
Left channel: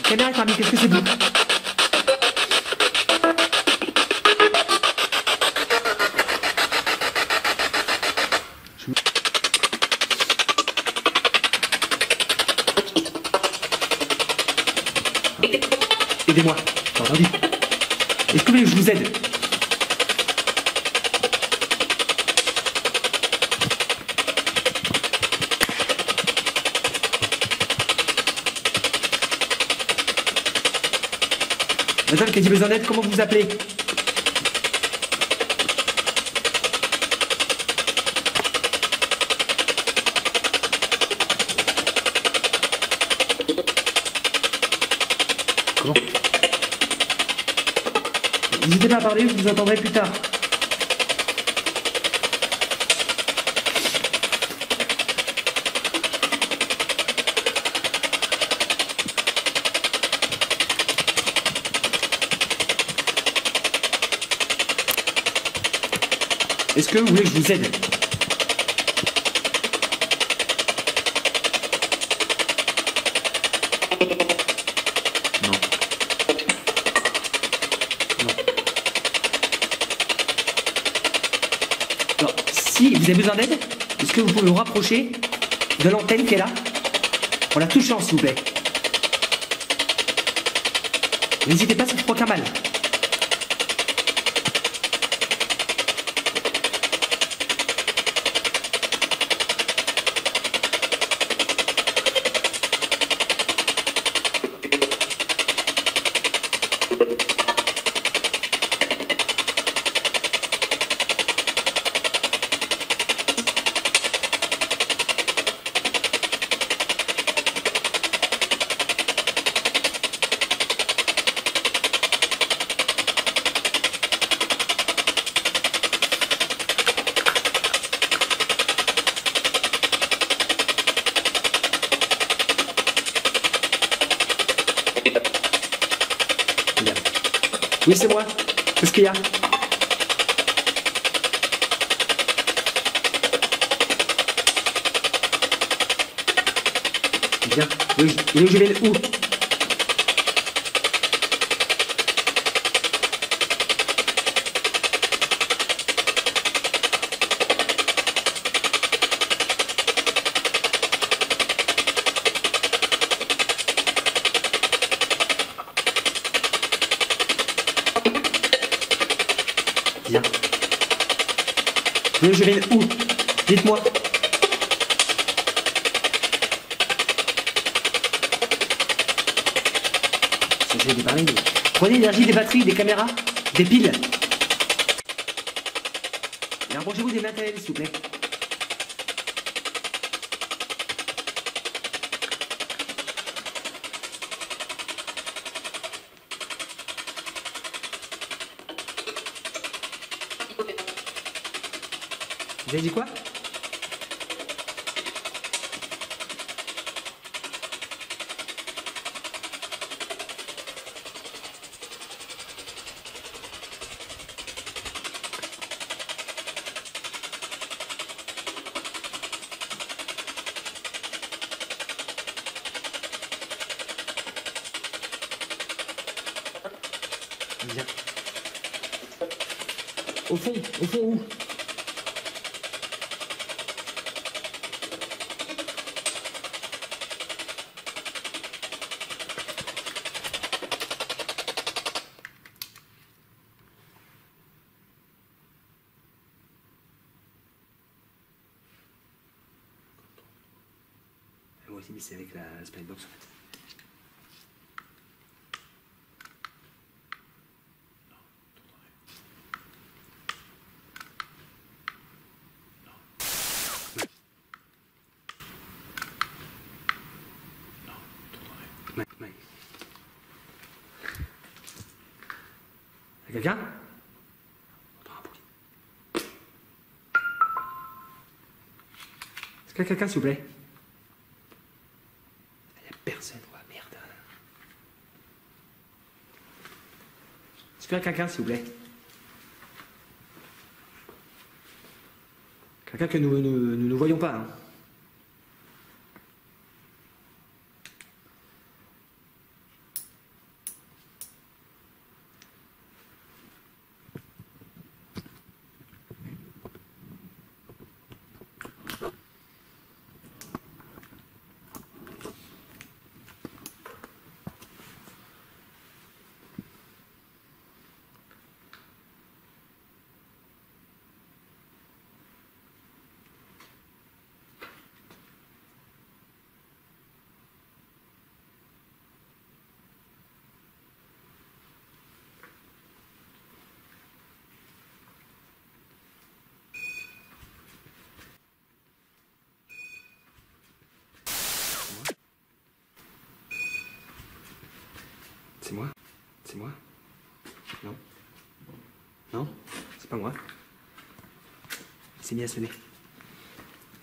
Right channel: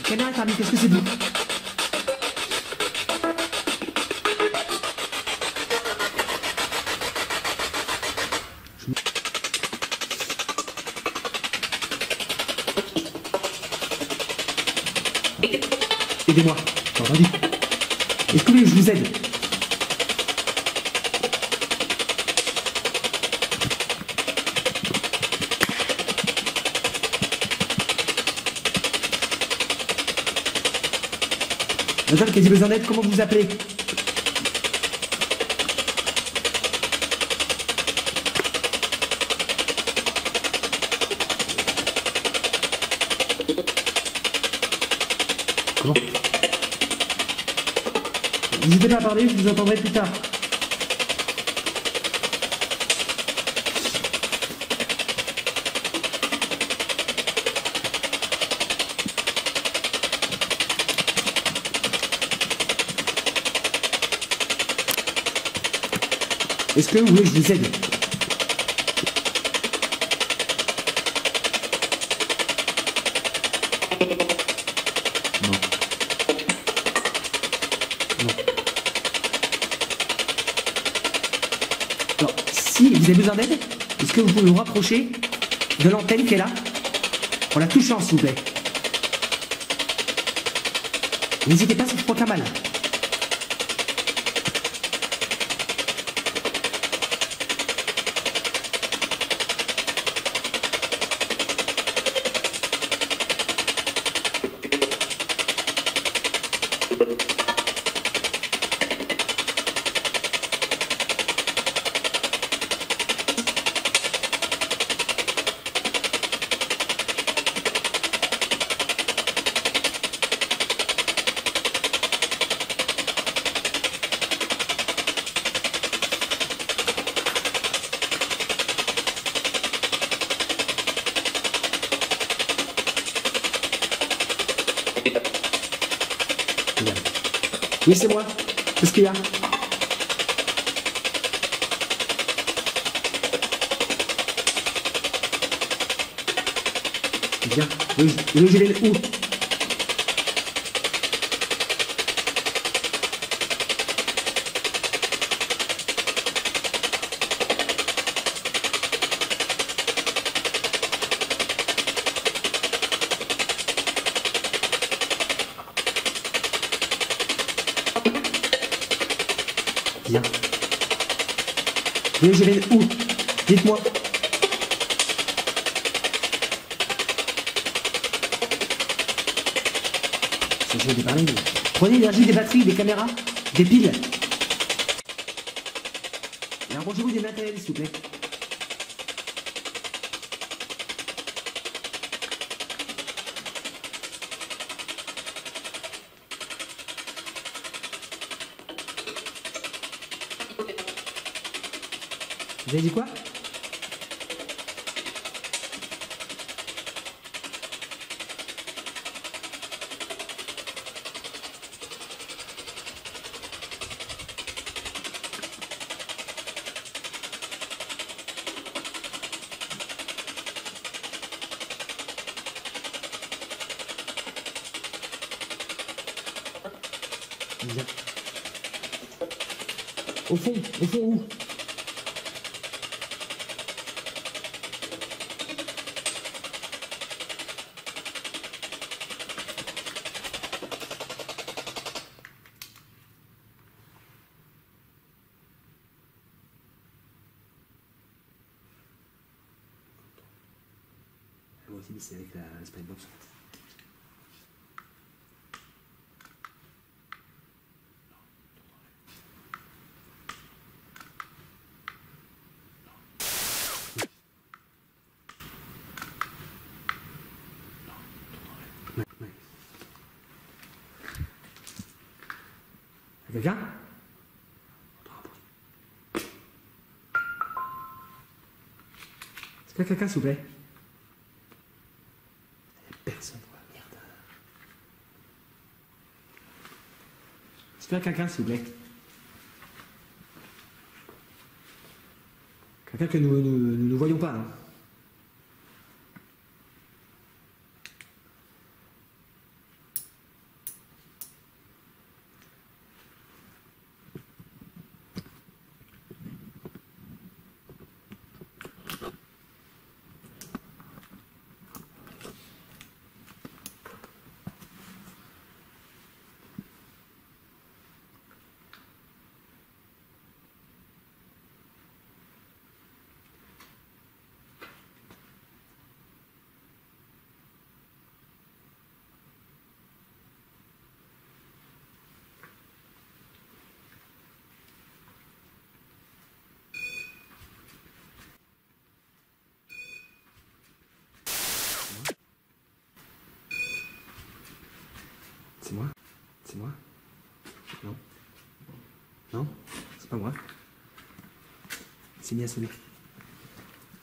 Caméra thermique, est-ce que c'est vous? Aidez-moi, j'ai entendu. Est-ce que vous voulez que je vous aide? Madame qui a dit besoin d'aide, comment vous vous appelez? Comment? N'hésitez pas à parler, je vous entendrai plus tard. Est-ce que vous voulez que je vous aide? Non. Non. Alors, si vous avez besoin d'aide, est-ce que vous pouvez vous rapprocher de l'antenne qui est là? En la touchant, s'il vous plaît. N'hésitez pas, ça ne fera aucun mal. Oui, c'est moi. Qu'est-ce qu'il y a? Bien. Oui, je vais où? Bien. Oui, je vais où? Dites-moi. Ça, des pareils. Prenez l'énergie des batteries, des caméras, des piles. Et rapprochez-vous des matériels, s'il vous plaît. Vous avez dit quoi? Bien. Au fond où? Moi aussi, mais c'est avec la Spybox en fait. Ouais. Quelqu'un? Est-ce qu'il y a quelqu'un, s'il vous plaît? Il n'y a personne, quoi, merde. Est-ce qu'il y a quelqu'un, s'il vous plaît? Quelqu'un que nous ne voyons pas. Hein. C'est moi? C'est moi? Non? Non? C'est pas moi. C'est mis à sonner.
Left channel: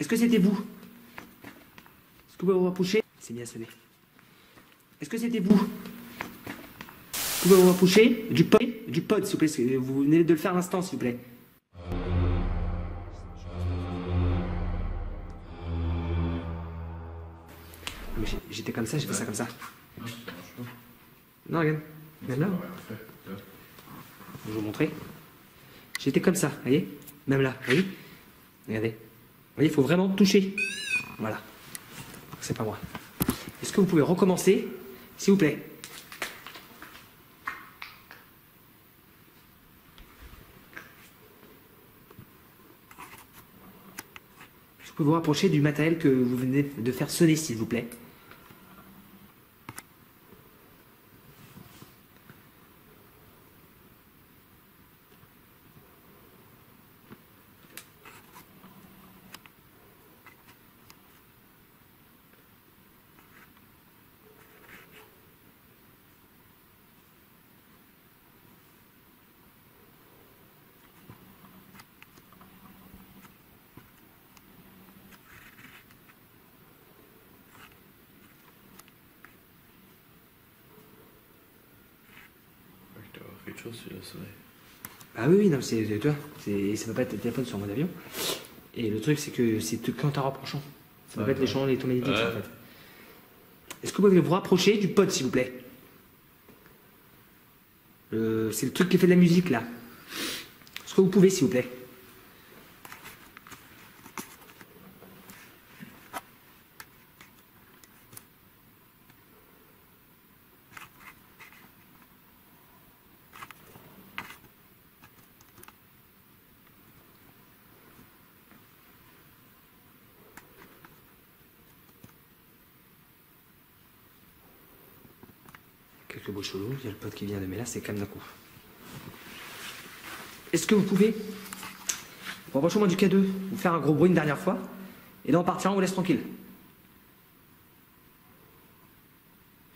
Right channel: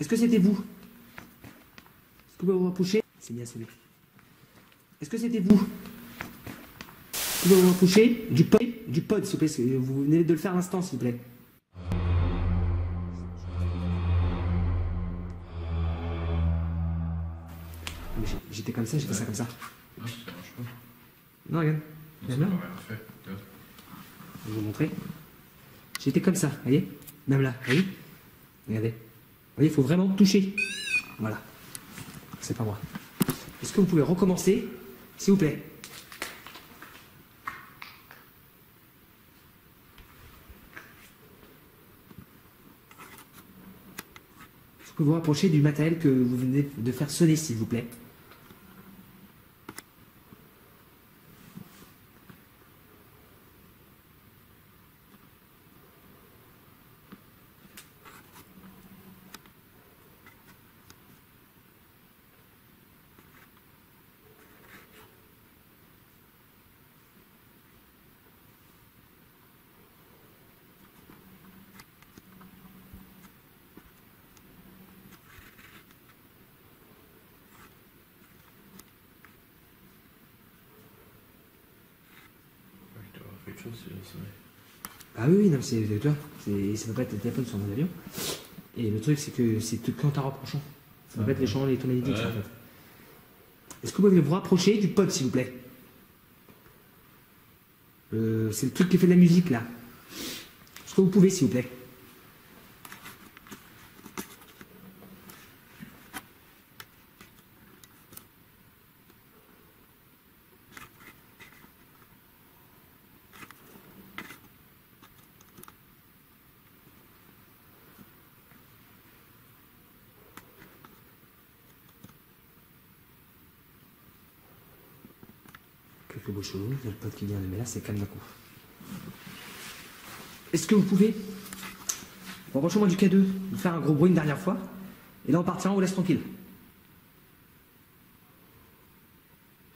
Est-ce que c'était vous? Est-ce que vous pouvez vous rapprocher? C'est mis à sonner. Est-ce que c'était vous? Vous pouvez vous rapprocher du pod, s'il vous plaît. Vous venez de le faire à l'instant, s'il vous plaît. Mais j'étais comme ça, j'ai fait ça comme ça. Non, ça marche pas. Non, regarde. Ça Même là. n'a rien fait. Regarde. Je vais vous montrer. J'étais comme ça, voyez? Même là, voyez? Regardez. Vous voyez, il faut vraiment toucher. Voilà. C'est pas moi. Est-ce que vous pouvez recommencer, s'il vous plaît? Est-ce que vous pouvez vous rapprocher du matériel que vous venez de faire sonner, s'il vous plaît? Ouais, je dois avoir fait quelque chose, c'est le soleil. Ah oui, oui, non, c'est, tu vois, ça peut pas être le téléphone sur mon avion. Et le truc, c'est que c'est qu'en t'en rapprochant. Ça peut pas être les champs électromagnétiques, ça, en fait. Est-ce que vous pouvez vous rapprocher du pod, s'il vous plaît? C'est le truc qui fait de la musique, là. Est-ce que vous pouvez, s'il vous plaît? Quelques beaux chelous, il y a le pote qui vient de, mais là c'est calme d'un coup. Est-ce que vous pouvez, rapprochez-moi du K2, vous faire un gros bruit une dernière fois, et là on partira, on vous laisse tranquille.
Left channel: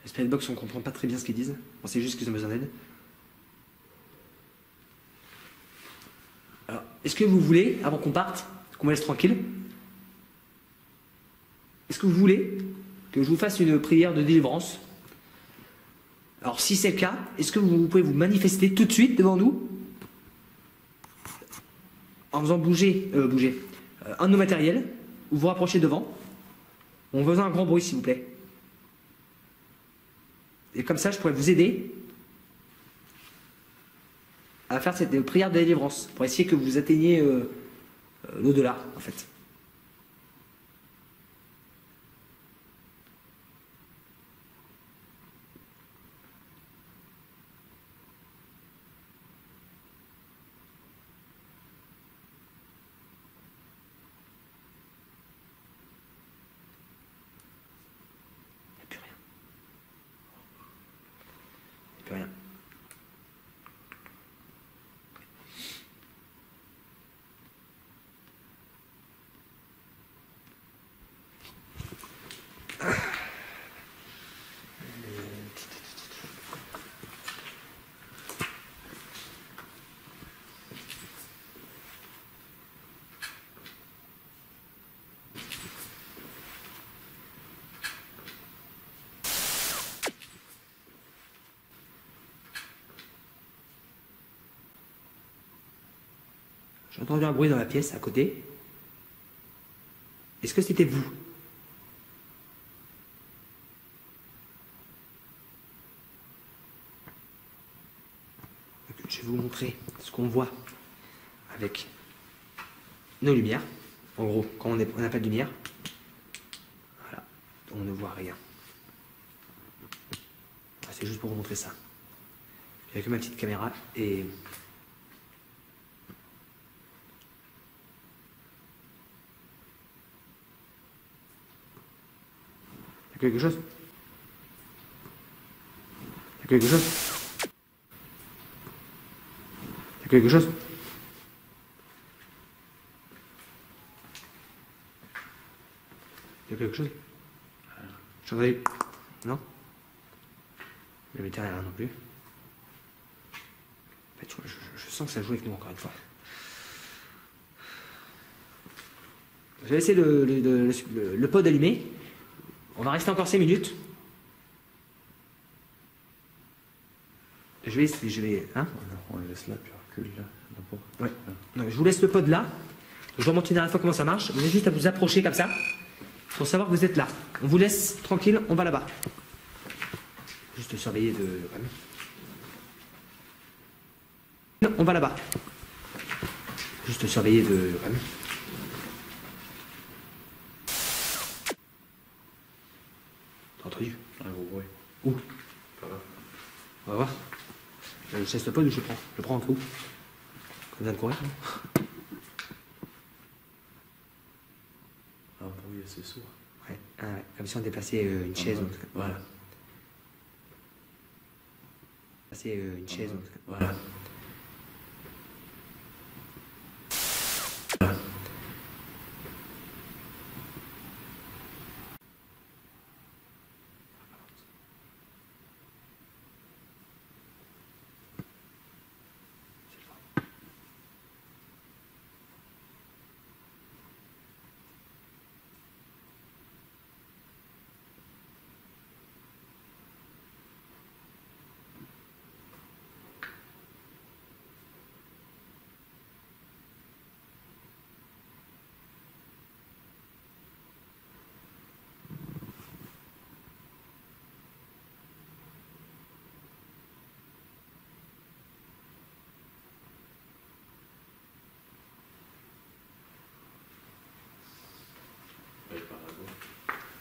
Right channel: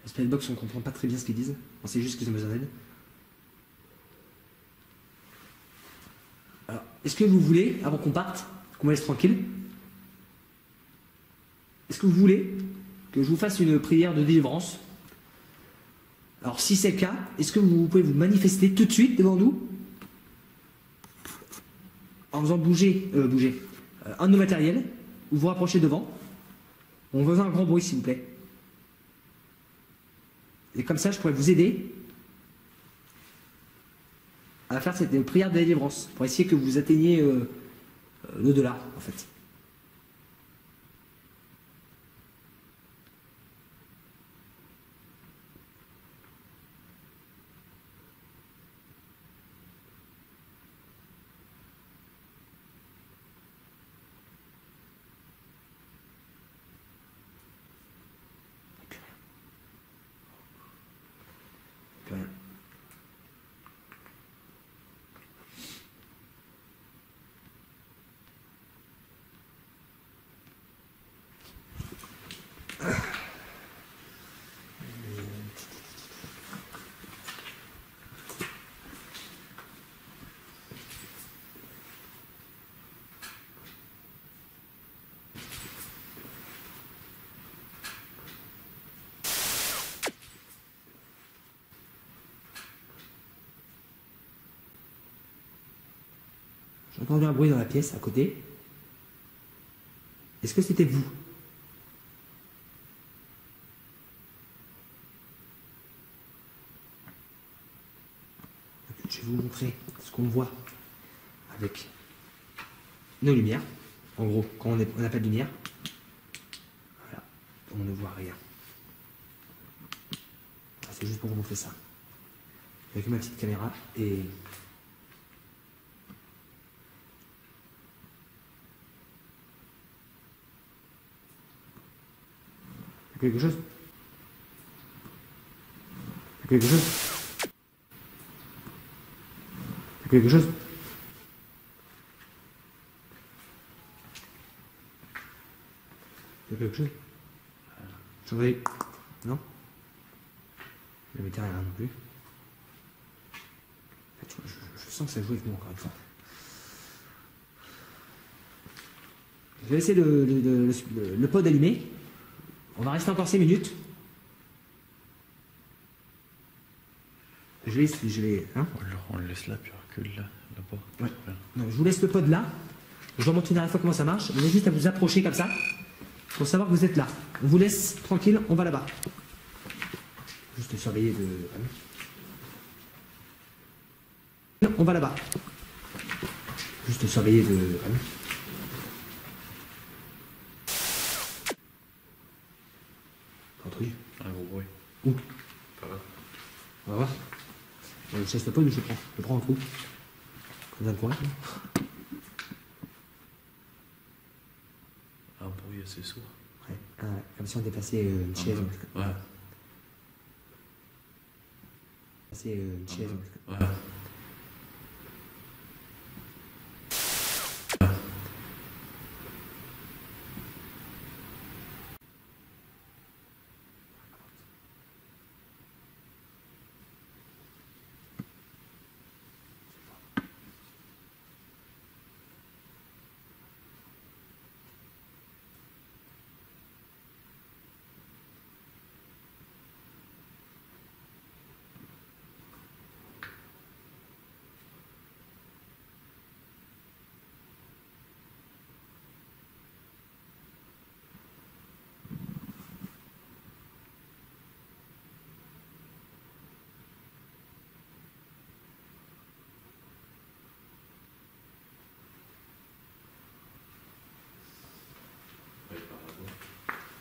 Les Spellbox, on comprend pas très bien ce qu'ils disent, on sait juste qu'ils ont besoin d'aide. Alors, est-ce que vous voulez, avant qu'on parte, qu'on me laisse tranquille, est-ce que vous voulez que je vous fasse une prière de délivrance? Alors, si c'est le cas, est-ce que vous pouvez vous manifester tout de suite devant nous en faisant bouger un de nos matériels, ou vous rapprochez devant? On veut un grand bruit, s'il vous plaît. Et comme ça, je pourrais vous aider à faire cette prière de délivrance, pour essayer que vous atteigniez l'au-delà, en fait. Plus rien. J'ai entendu un bruit dans la pièce à côté. Est-ce que c'était vous? Je vais vous montrer ce qu'on voit avec nos lumières. En gros, quand on n'a pas de lumière, voilà, on ne voit rien. C'est juste pour vous montrer ça. Avec ma petite caméra et... Y'a quelque chose? Y'a quelque chose? Y'a quelque chose? Y'a quelque chose? J'entendais... Non? Le métier rien non plus. En fait, je sens que ça joue avec nous encore une fois. Je vais laisser le pod allumé. On va rester encore 5 minutes. Je vais, hein? On le laisse là, puis on recule là-bas. Ouais. Non, je vous laisse le pod là. Je vais montrer une dernière fois comment ça marche. Vous avez juste à vous approcher comme ça pour savoir que vous êtes là. On vous laisse tranquille, on va là-bas. Juste surveiller de... On va là-bas. Juste surveiller de... T'as entendu? Un gros bruit. Où? Pas là. On va voir. Je laisse le pod ou je prends? Je prends un trou. Comme ça le courir. Un bruit assez sourd. Ouais. Ah ouais. Comme si on déplaçait une chaise. Ouais. Passer une chaise. Ouais.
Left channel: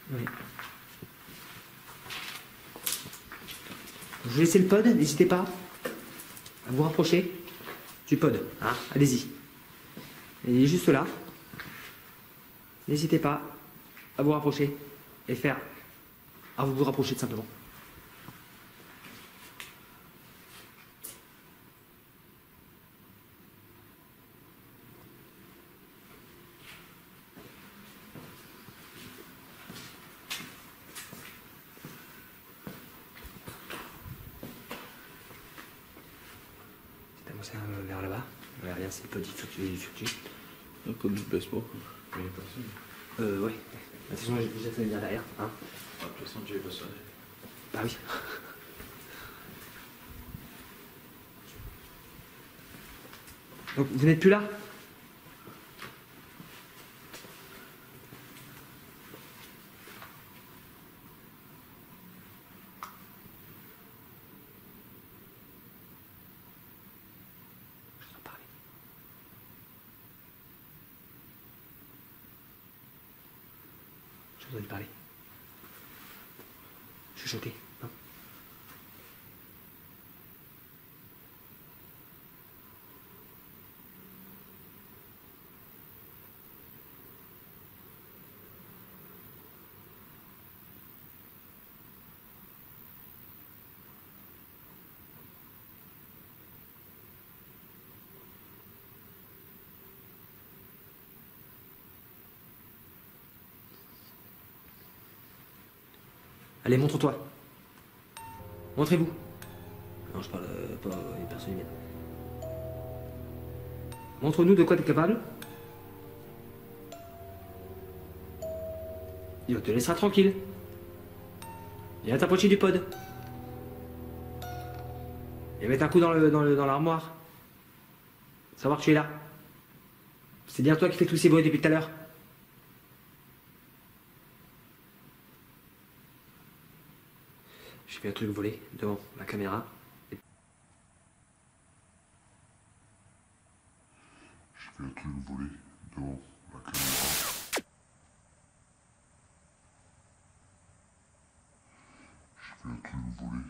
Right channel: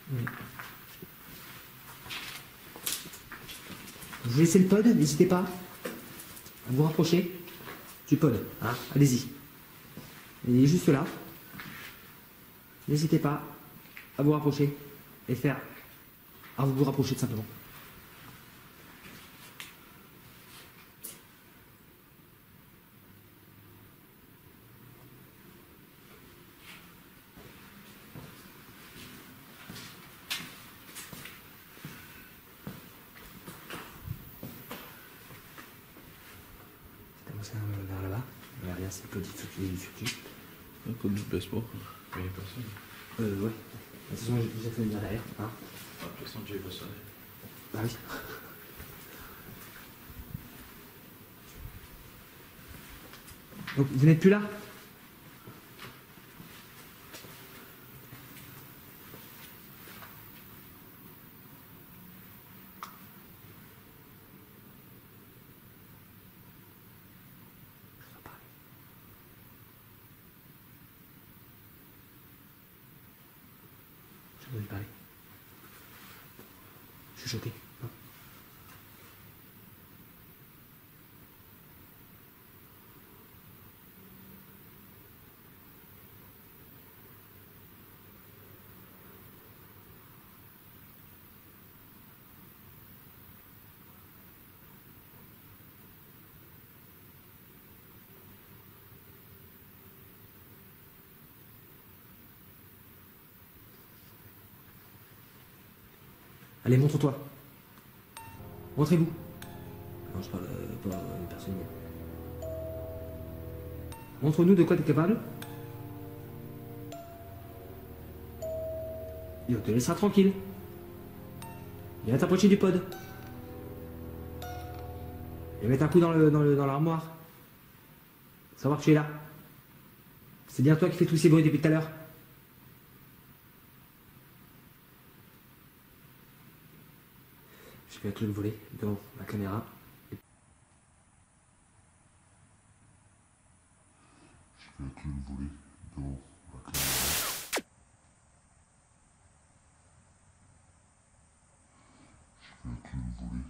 Oui. Je vais laisser le pod, n'hésitez pas à vous rapprocher du pod. Hein, allez-y. Il est juste là. N'hésitez pas à vous rapprocher et faire. À vous rapprocher tout simplement. Vers là-bas. Regardez, c'est petit, faut que tu dessus. Le pod ne baisse pas. Il n'y a personne. Ouais. De toute façon, j'ai déjà fait le bien derrière. Hein. Ah, de toute façon, tu es pas sonné. Bah oui. Donc, vous n'êtes plus là? Je dois lui parler. Je suis choqué. Non. Allez, montre-toi. Montrez-vous. Non, je parle pas à une personne humaine. Montre-nous de quoi tu es capable. Il te laissera tranquille. Il va t'approcher du pod. Et mettre un coup dans l'armoire. Savoir que tu es là. C'est bien toi qui fais tous ces bruits depuis tout à l'heure. J'ai vu un truc voler devant la caméra. J'ai vu un truc voler devant la caméra. J'ai vu un truc voler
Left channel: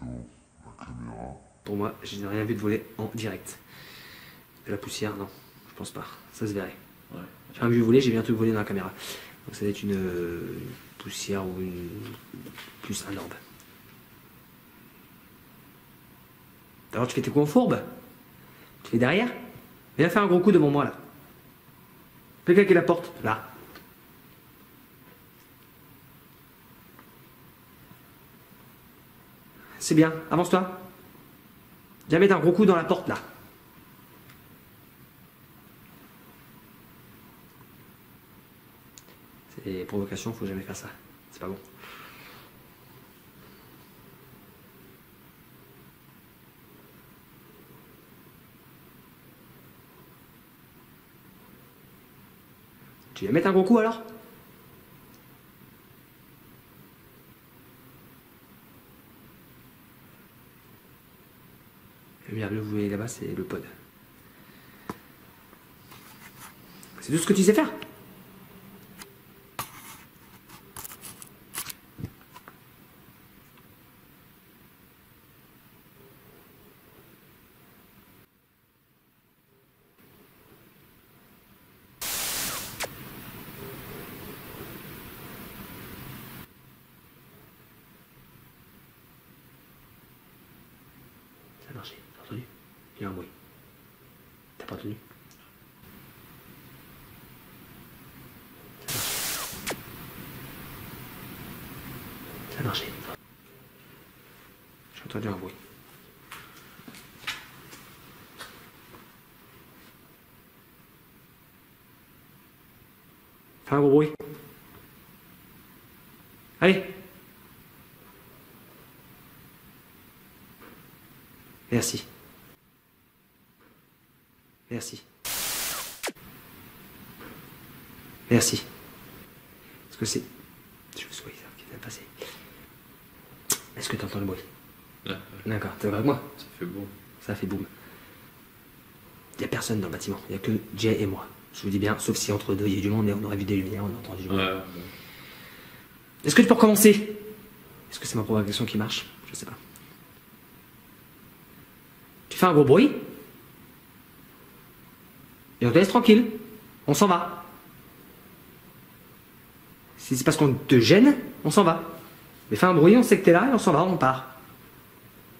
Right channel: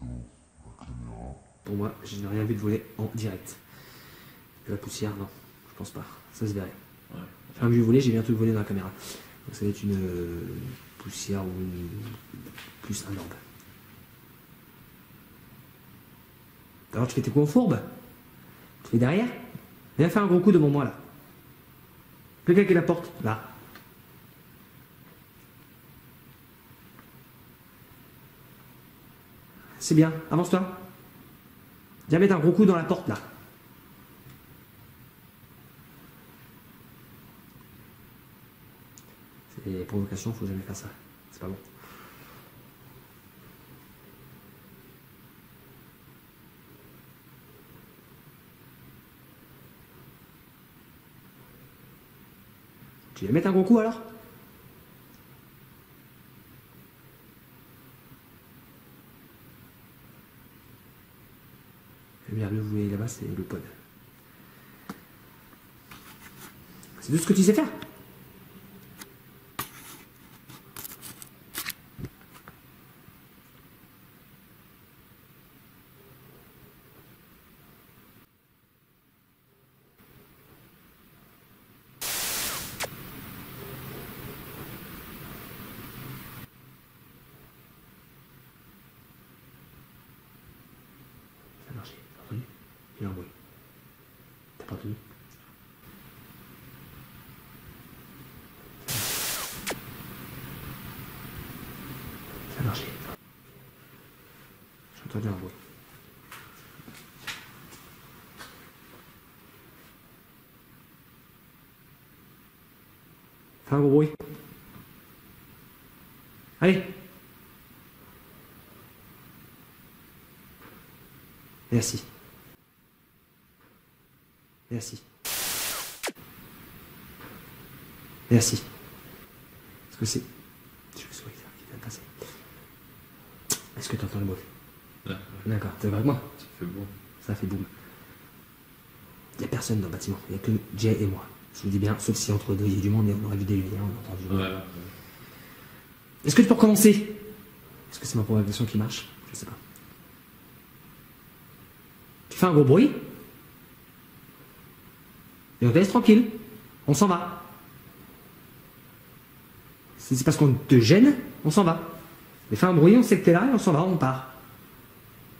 devant la caméra. Pour moi, je n'ai rien vu de voler en direct. De la poussière, non, je pense pas. Ça se verrait. Ouais. J'ai rien vu voler, j'ai vu un truc voler dans la caméra. Donc ça doit être une poussière ou plus un orbe. Alors tu fais tes coups en fourbe. Tu fais derrière. Viens faire un gros coup devant moi là. Fais claquer la porte, là. C'est bien, avance-toi. Viens mettre un gros coup dans la porte là. C'est des provocations, faut jamais faire ça. C'est pas bon. Tu veux mettre un gros coup alors? Le bien, le vous voyez là-bas, c'est le pod. C'est tout ce que tu sais faire. Ça a marché, t'as entendu? Il y a un bruit. T'as pas entendu? Ça a marché. J'ai entendu un bruit. Fais un gros bruit. Allez. Merci. Merci. Merci. Est-ce que c'est... Je me souviens qui vient de passer. Est-ce que tu entends le bruit? Là, D'accord, t'es avec moi? ça fait bon. Ça fait boum. Il n'y a personne dans le bâtiment, il n'y a que Jay et moi. Je vous dis bien, sauf si entre deux il y a du monde et on aurait vu des lumières, on a entendu du bruit. Ouais. Est-ce que tu peux recommencer? Est-ce que c'est ma provocation qui marche? Je sais pas. Tu fais un gros bruit et on te laisse tranquille. On s'en va. Si c'est parce qu'on te gêne, on s'en va. Mais fais un bruit, on sait que t'es là et on s'en va, on part.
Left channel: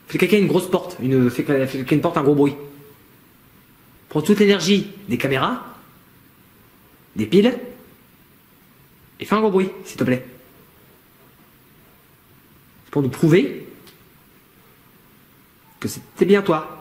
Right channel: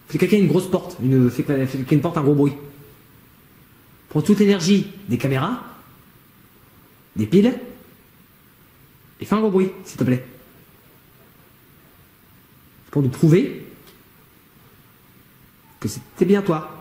Fais quelqu'un une grosse porte, fais quelqu'un une porte, un gros bruit. Prends toute l'énergie des caméras, des piles, et fais un gros bruit, s'il te plaît. C'est pour nous prouver que c'était bien toi.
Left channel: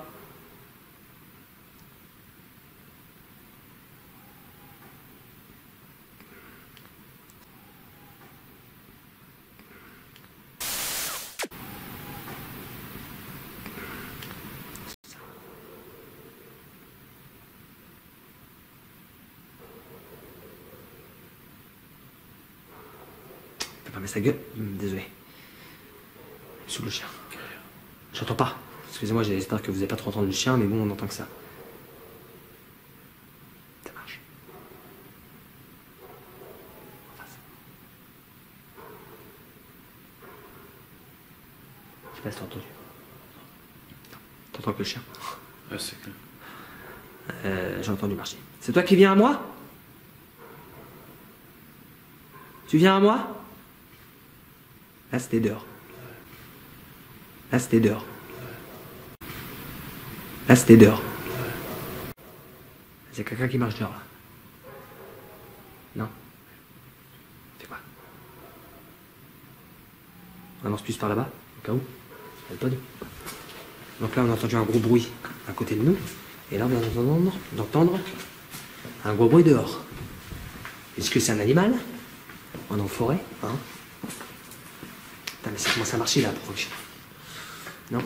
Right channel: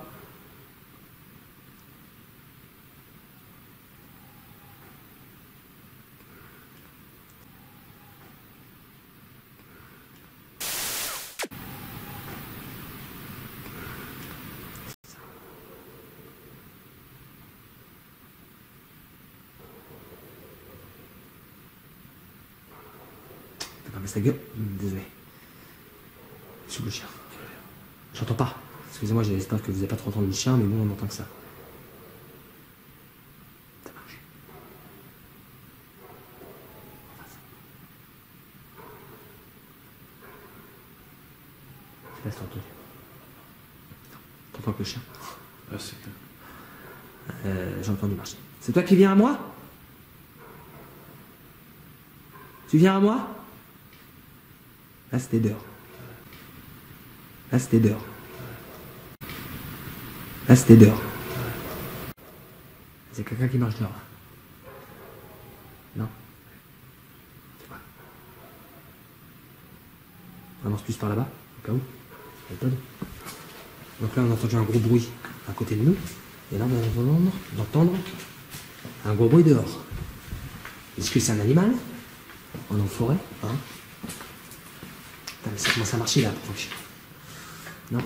Fermez sa gueule. Désolé. Sous le chien. J'entends pas. Excusez-moi, j'espère que vous n'avez pas trop entendu le chien, mais bon, on entend que ça. Ça marche. En face. Je sais pas si t'as entendu. T'entends que le chien? Ouais, c'est clair. J'ai entendu marcher. C'est toi qui viens à moi? Tu viens à moi? Là, c'était dehors. Là, c'était dehors. Là, c'était dehors. C'est quelqu'un qui marche dehors, là. Non? C'est quoi? On avance plus par là-bas, au cas où. Il y a le pod. Donc là, on a entendu un gros bruit à côté de nous. Et là, on vient d'entendre un gros bruit dehors. Est-ce que c'est un animal? On est en forêt, hein? Putain, mais ça commence à marcher là, pour que... Non?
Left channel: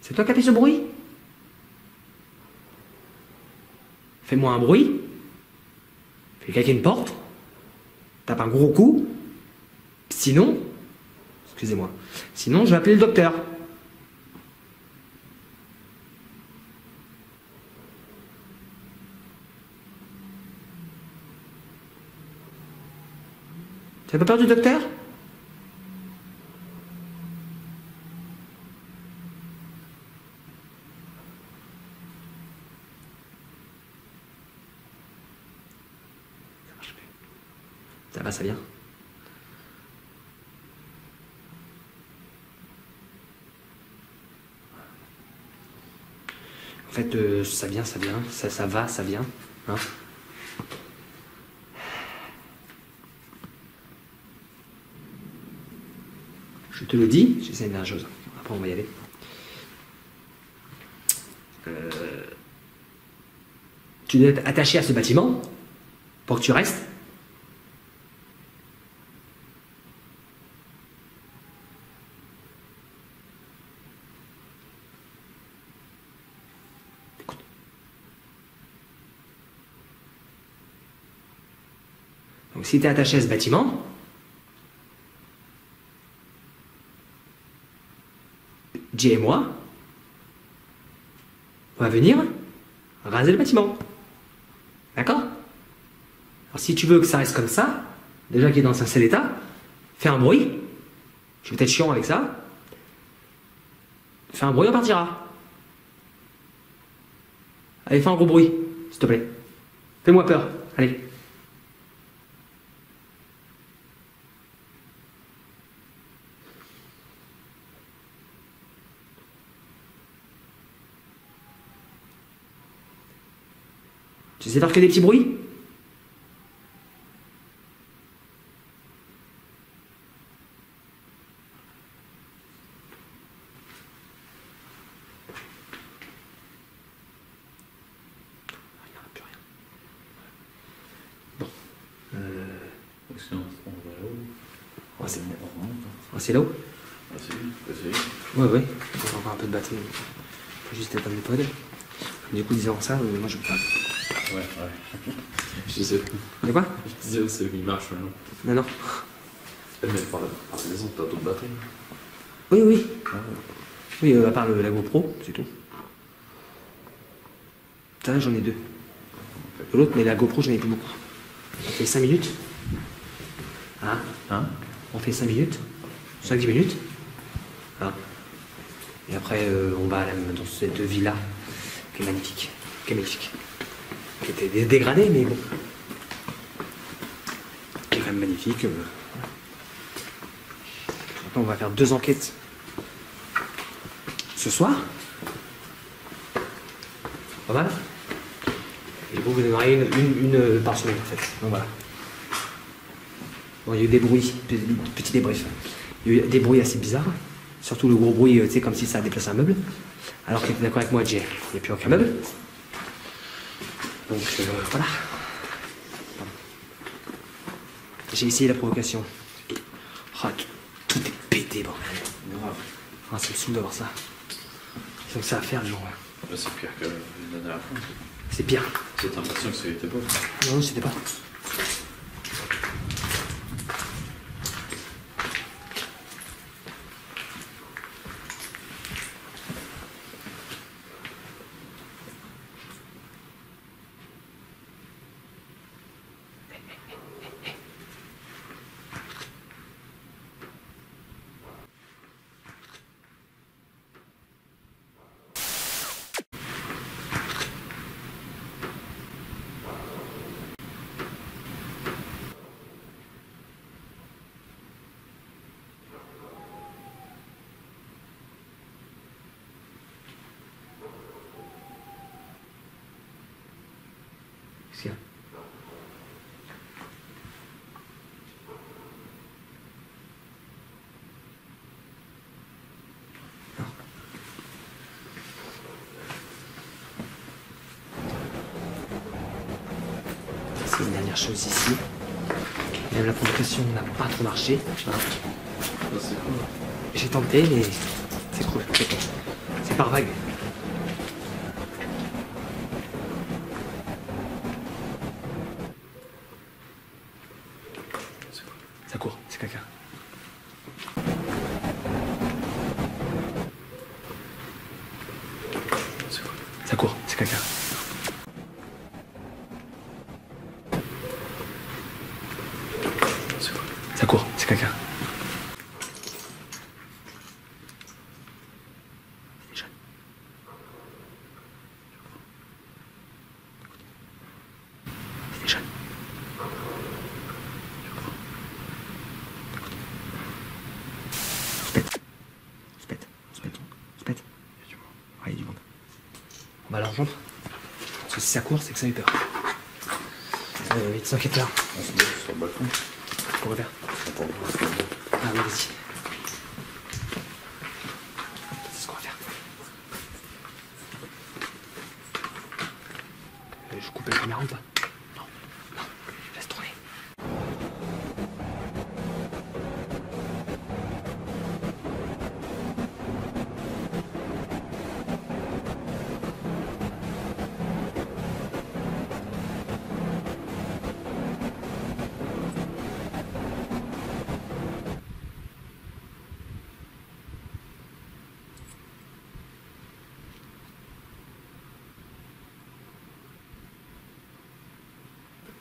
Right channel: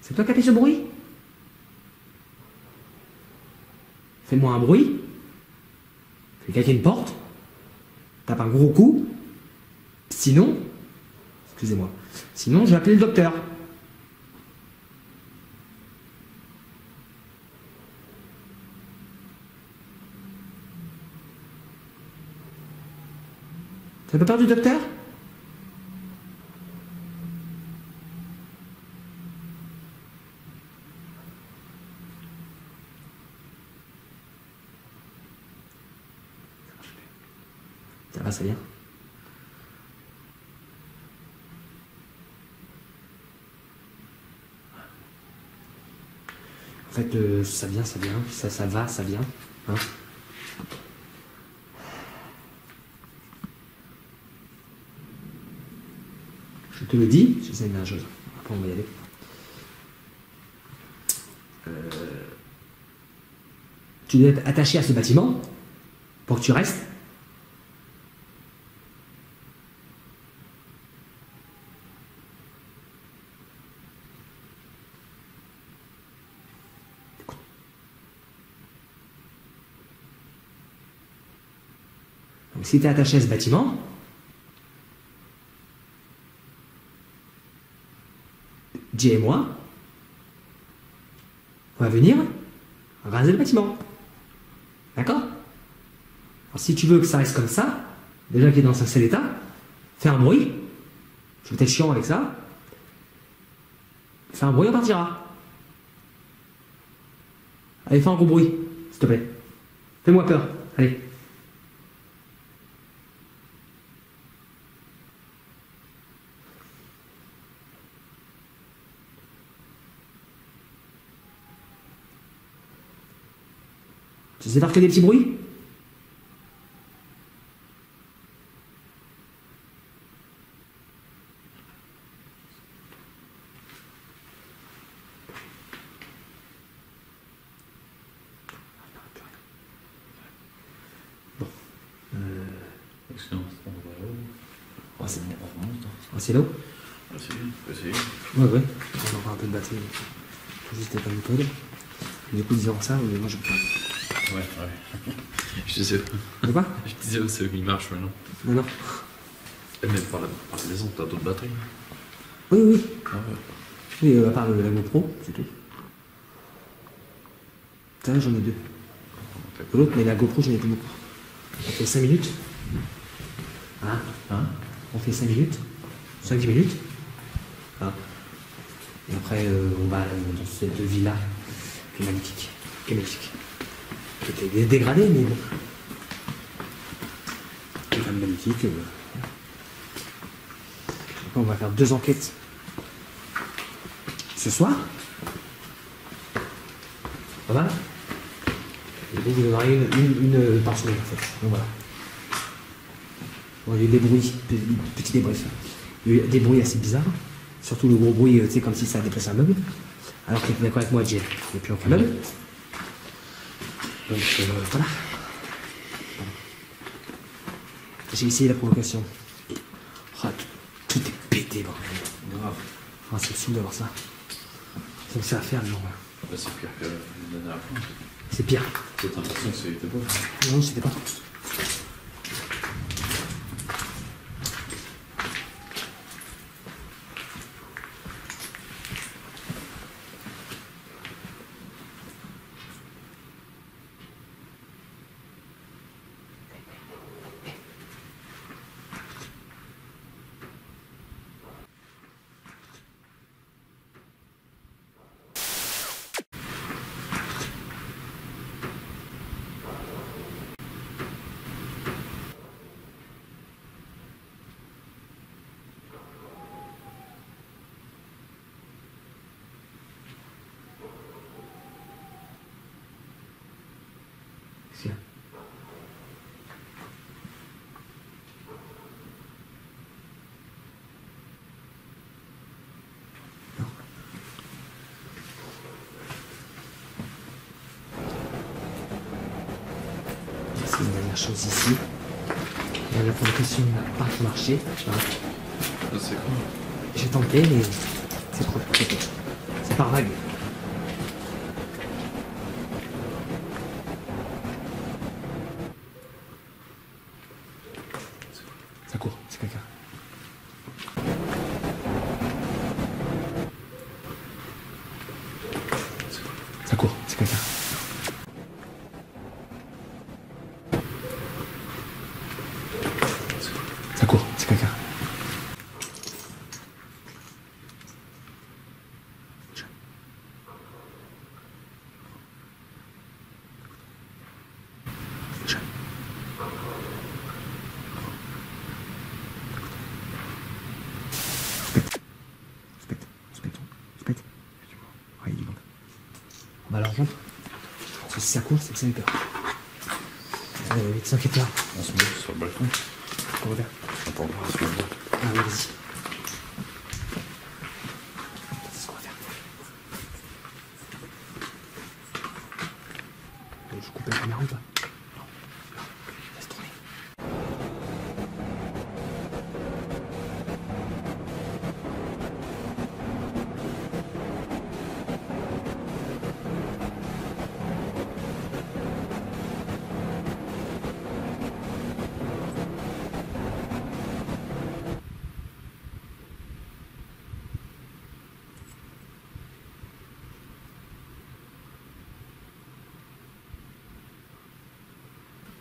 C'est toi qui as fait ce bruit? Fais-moi un bruit. Fais claquer une porte. Tape un gros coup. Sinon, excusez-moi, sinon je vais appeler le docteur. T'as pas peur du docteur? Ça va, ça vient? En fait, ça vient, ça va, ça vient. Hein? Je te le dis, j'essaie de dire la chose. Après, on va y aller. Tu dois être attaché à ce bâtiment pour que tu restes. Écoute. Donc, si tu es attaché à ce bâtiment, Jay et moi, on va venir raser le bâtiment. D'accord? Alors si tu veux que ça reste comme ça, déjà qu'il est dans un seul état, fais un bruit. Je vais peut-être chiant avec ça. Fais un bruit, on partira. Allez, fais un gros bruit, s'il te plaît. Fais-moi peur, allez. Tu sais faire que des petits bruits? Bon. Sinon, on va là-haut. Ouais, c'est bon. On remonte. Ah, c'est là-haut? On va essayer. Ouais, ouais. On va avoir un peu de batterie. Faut juste éteindre le pod. Du coup, disant ça, moi je prends. Ouais. Je disais. De quoi? Je disais, c'est où il marche maintenant. Non, non. Mais par la maison, t'as d'autres batteries. Oui, oui. Ah ouais. Oui, à part la GoPro, c'est tout. Ça, j'en ai deux. L'autre, mais la GoPro, j'en ai plus beaucoup. On fait 5 minutes. Hein? On fait 5 minutes. 5-10 minutes. Hein? Et après, on va dans cette villa qui est magnifique. Qui était dégradée, mais bon. Qui est quand même magnifique. Maintenant, on va faire 2 enquêtes ce soir. Pas mal. Et vous en aurez une par semaine, en fait. Donc voilà. Bon, il y a eu des bruits, petits débriefs. Il y a eu des bruits assez bizarres. Surtout le gros bruit, tu sais, comme si ça déplaçait un meuble. Alors qu'il était d'accord avec moi, Jay. Il n'y a plus aucun meuble. Donc voilà. J'ai essayé la provocation. Oh, tout est pété, bordel. Grave. Ah, c'est le saoul d'avoir ça. C'est donc ça à faire, non. Bah, c'est pire que la dernière fois. C'est pire. J'ai l'impression que c'était pas. Non, c'était pas. Qu'est-ce qu'il y a? Non. C'est une dernière chose ici. Et la provocation n'a pas trop marché. Voilà. Ah, c'est quoi? J'ai tenté, mais c'est cool. C'est par vague. c'est quelqu'un. Ça court, c'est quelqu'un. Bah alors rentre. Parce que si ça court, c'est que ça a eu peur. Vite, sans quitter là. On se met sur le balcon. On revient. Attends, on se met là. Ah oui, vas-y. C'est ce qu'on va faire. Je coupe la caméra ou pas? Non. Non. Laisse tourner.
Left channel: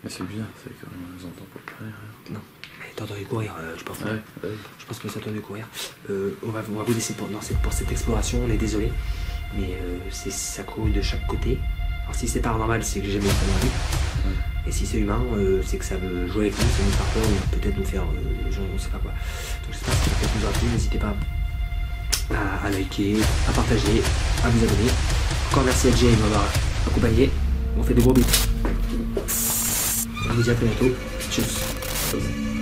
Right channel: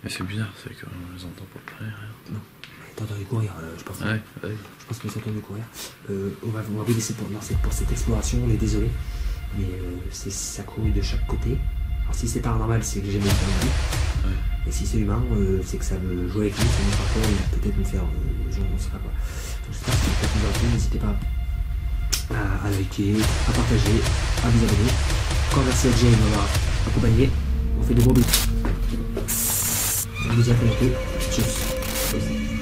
Mais c'est bizarre, c'est qu'on les entend pas près. Non. Mais t'as entendu courir, je pense. Ouais. Je pense que t'as entendu courir. On va vous laisser pour cette exploration, on est désolé. Mais ça court de chaque côté. Alors si c'est paranormal, c'est que j'ai jamais vu ça non plus. Ouais. Et si c'est humain, c'est que ça veut jouer avec nous, ça nous faire peur, ou peut-être nous faire genre, on sait pas quoi. Donc j'espère que ça peut vous avoir plu, n'hésitez pas à liker, à partager, à vous abonner. Encore merci à Jay de m'avoir accompagné. On fait de gros bisous. On vous dit à très bientôt. Tchuss.